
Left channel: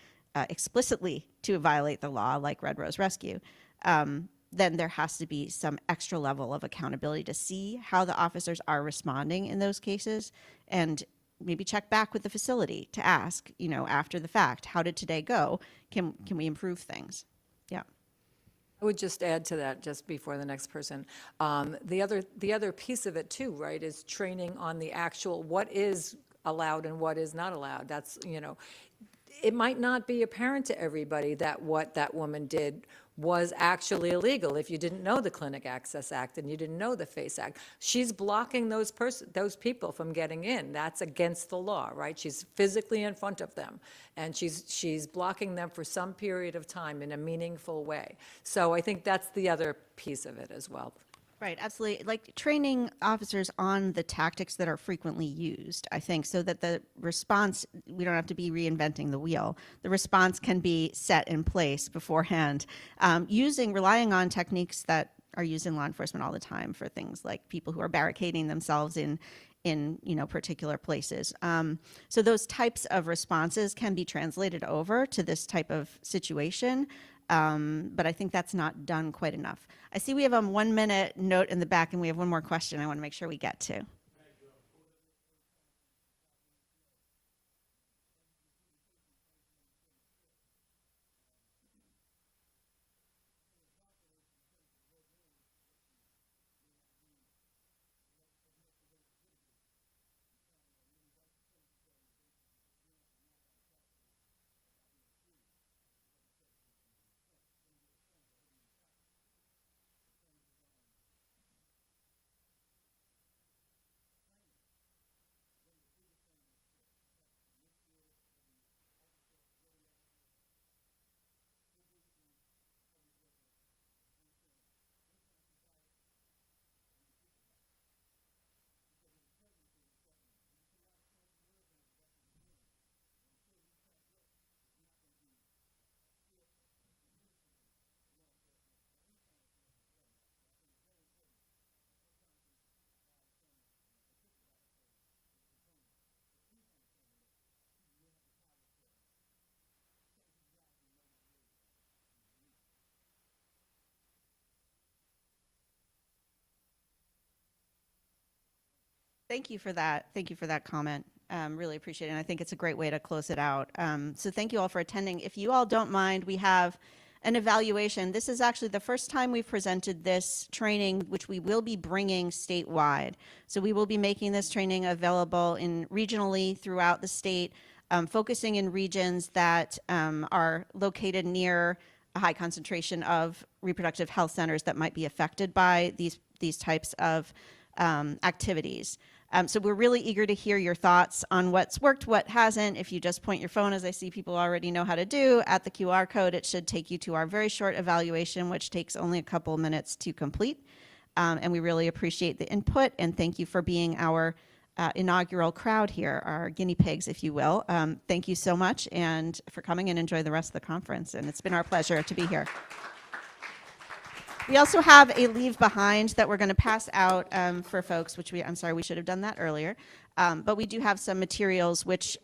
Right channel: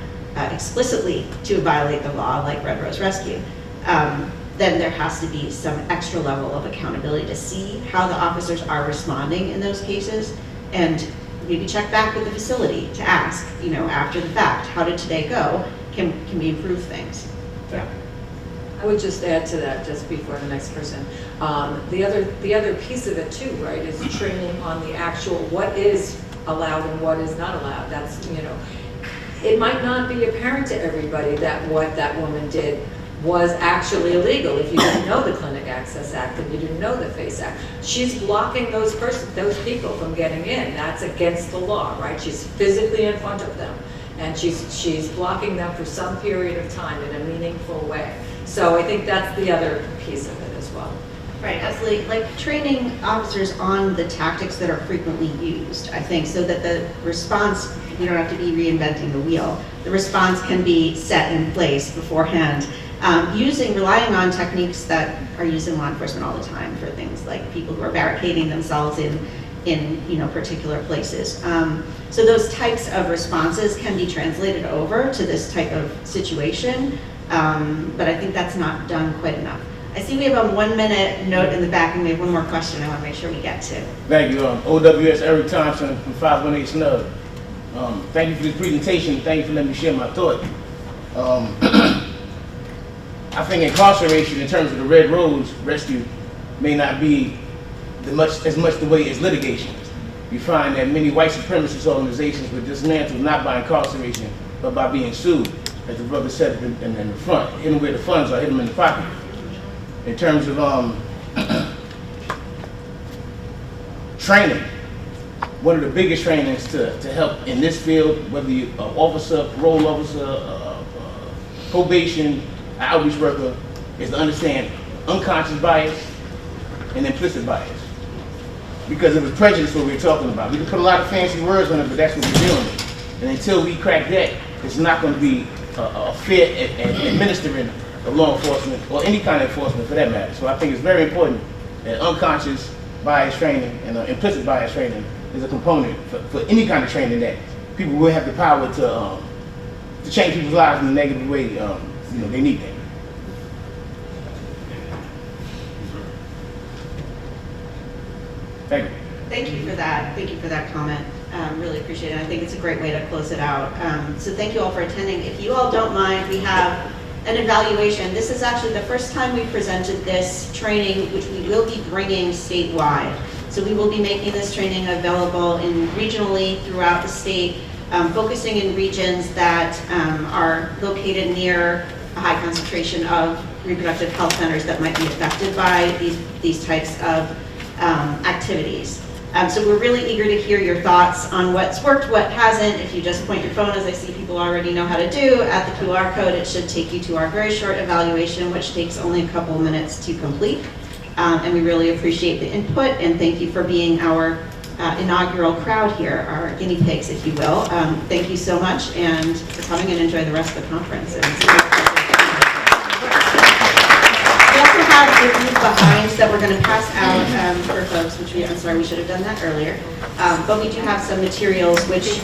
explicitly to violate the law, like Red Rose Rescue. Then there has to be some extra level of accountability to see how the officers are responding in those cases, and maybe check back with the facility to ask, you know, after the fact, how did today go? Can we improve things? Yeah. I would just add to that, just before the next person. The other piece of it too, right, is training on the actual what is allowed and what is not allowed. That's, you know, it might not be apparent to everybody that what that woman did was actually illegal if you didn't know the Clinic Access Act and you didn't know the FACE Act. She's blocking those people from getting in. That's against the law, right? She's physically in front of them, and she's blocking them for some period of time in a meaningful way. So I think that's the other piece of it as well. Right, absolutely. Like training officers on the tactics that are frequently used, I think, so that the response, you don't have to be reinventing the wheel. The response can be set in place beforehand, relying on techniques that are used in law enforcement all the time for things like people who are barricading themselves in you know, particular places. So those types of responses can be translated over to this type of situation, but I think that's not done quite enough. I see we have a 1 minute note in the back, and we have one more question I want to make sure we get to. Thank you. OWS Eric Thompson from 518 Snub. Thank you for this presentation. Thank you for letting me share my thought. I think incarceration in terms of the Red Rose Rescue may not be as much the way as litigation. You find that many white supremacist organizations were dismantled not by incarceration, but by being sued. As the brother said in the front, hit them where the funds are, hit them in the pocket. In terms of training, one of the biggest trainings to help in this field, whether you're an officer, parole officer, probation, outreach worker, is to understand unconscious bias, and implicit bias. Because it was prejudice what we were talking about. We can put a lot of fancy words on it, but that's what we're dealing with. And until we crack that, it's not going to be a fair administering of law enforcement or any kind of enforcement for that matter. So I think it's very important that unconscious bias training and implicit bias training is a component for any kind of training that people will have the power to change people's lives in a negative way. They need that. Thank you. Thank you for that. Thank you for that comment. Really appreciate it. I think it's a great way to close it out. So thank you all for attending. If you all don't mind, we have an evaluation. This is actually the first time we presented this training, which we will be bringing statewide. So we will be making this training available regionally throughout the state, focusing in regions that are located near a high concentration of reproductive health centers that might be affected by these types of activities. So we're really eager to hear your thoughts on what's worked, what hasn't. If you just point your phone, as I see people already know how to do, at the QR code, it should take you to our very short evaluation, which takes only a couple of minutes to complete. And we really appreciate the input, and thank you for being our inaugural crowd here, our guinea pigs, if you will. Thank you so much, and for coming, and enjoy the rest of the conference. And it's been a pleasure. We also have your leave behind that we're going to pass out for folks, which I'm sorry, we should have done that earlier. But we do have some materials which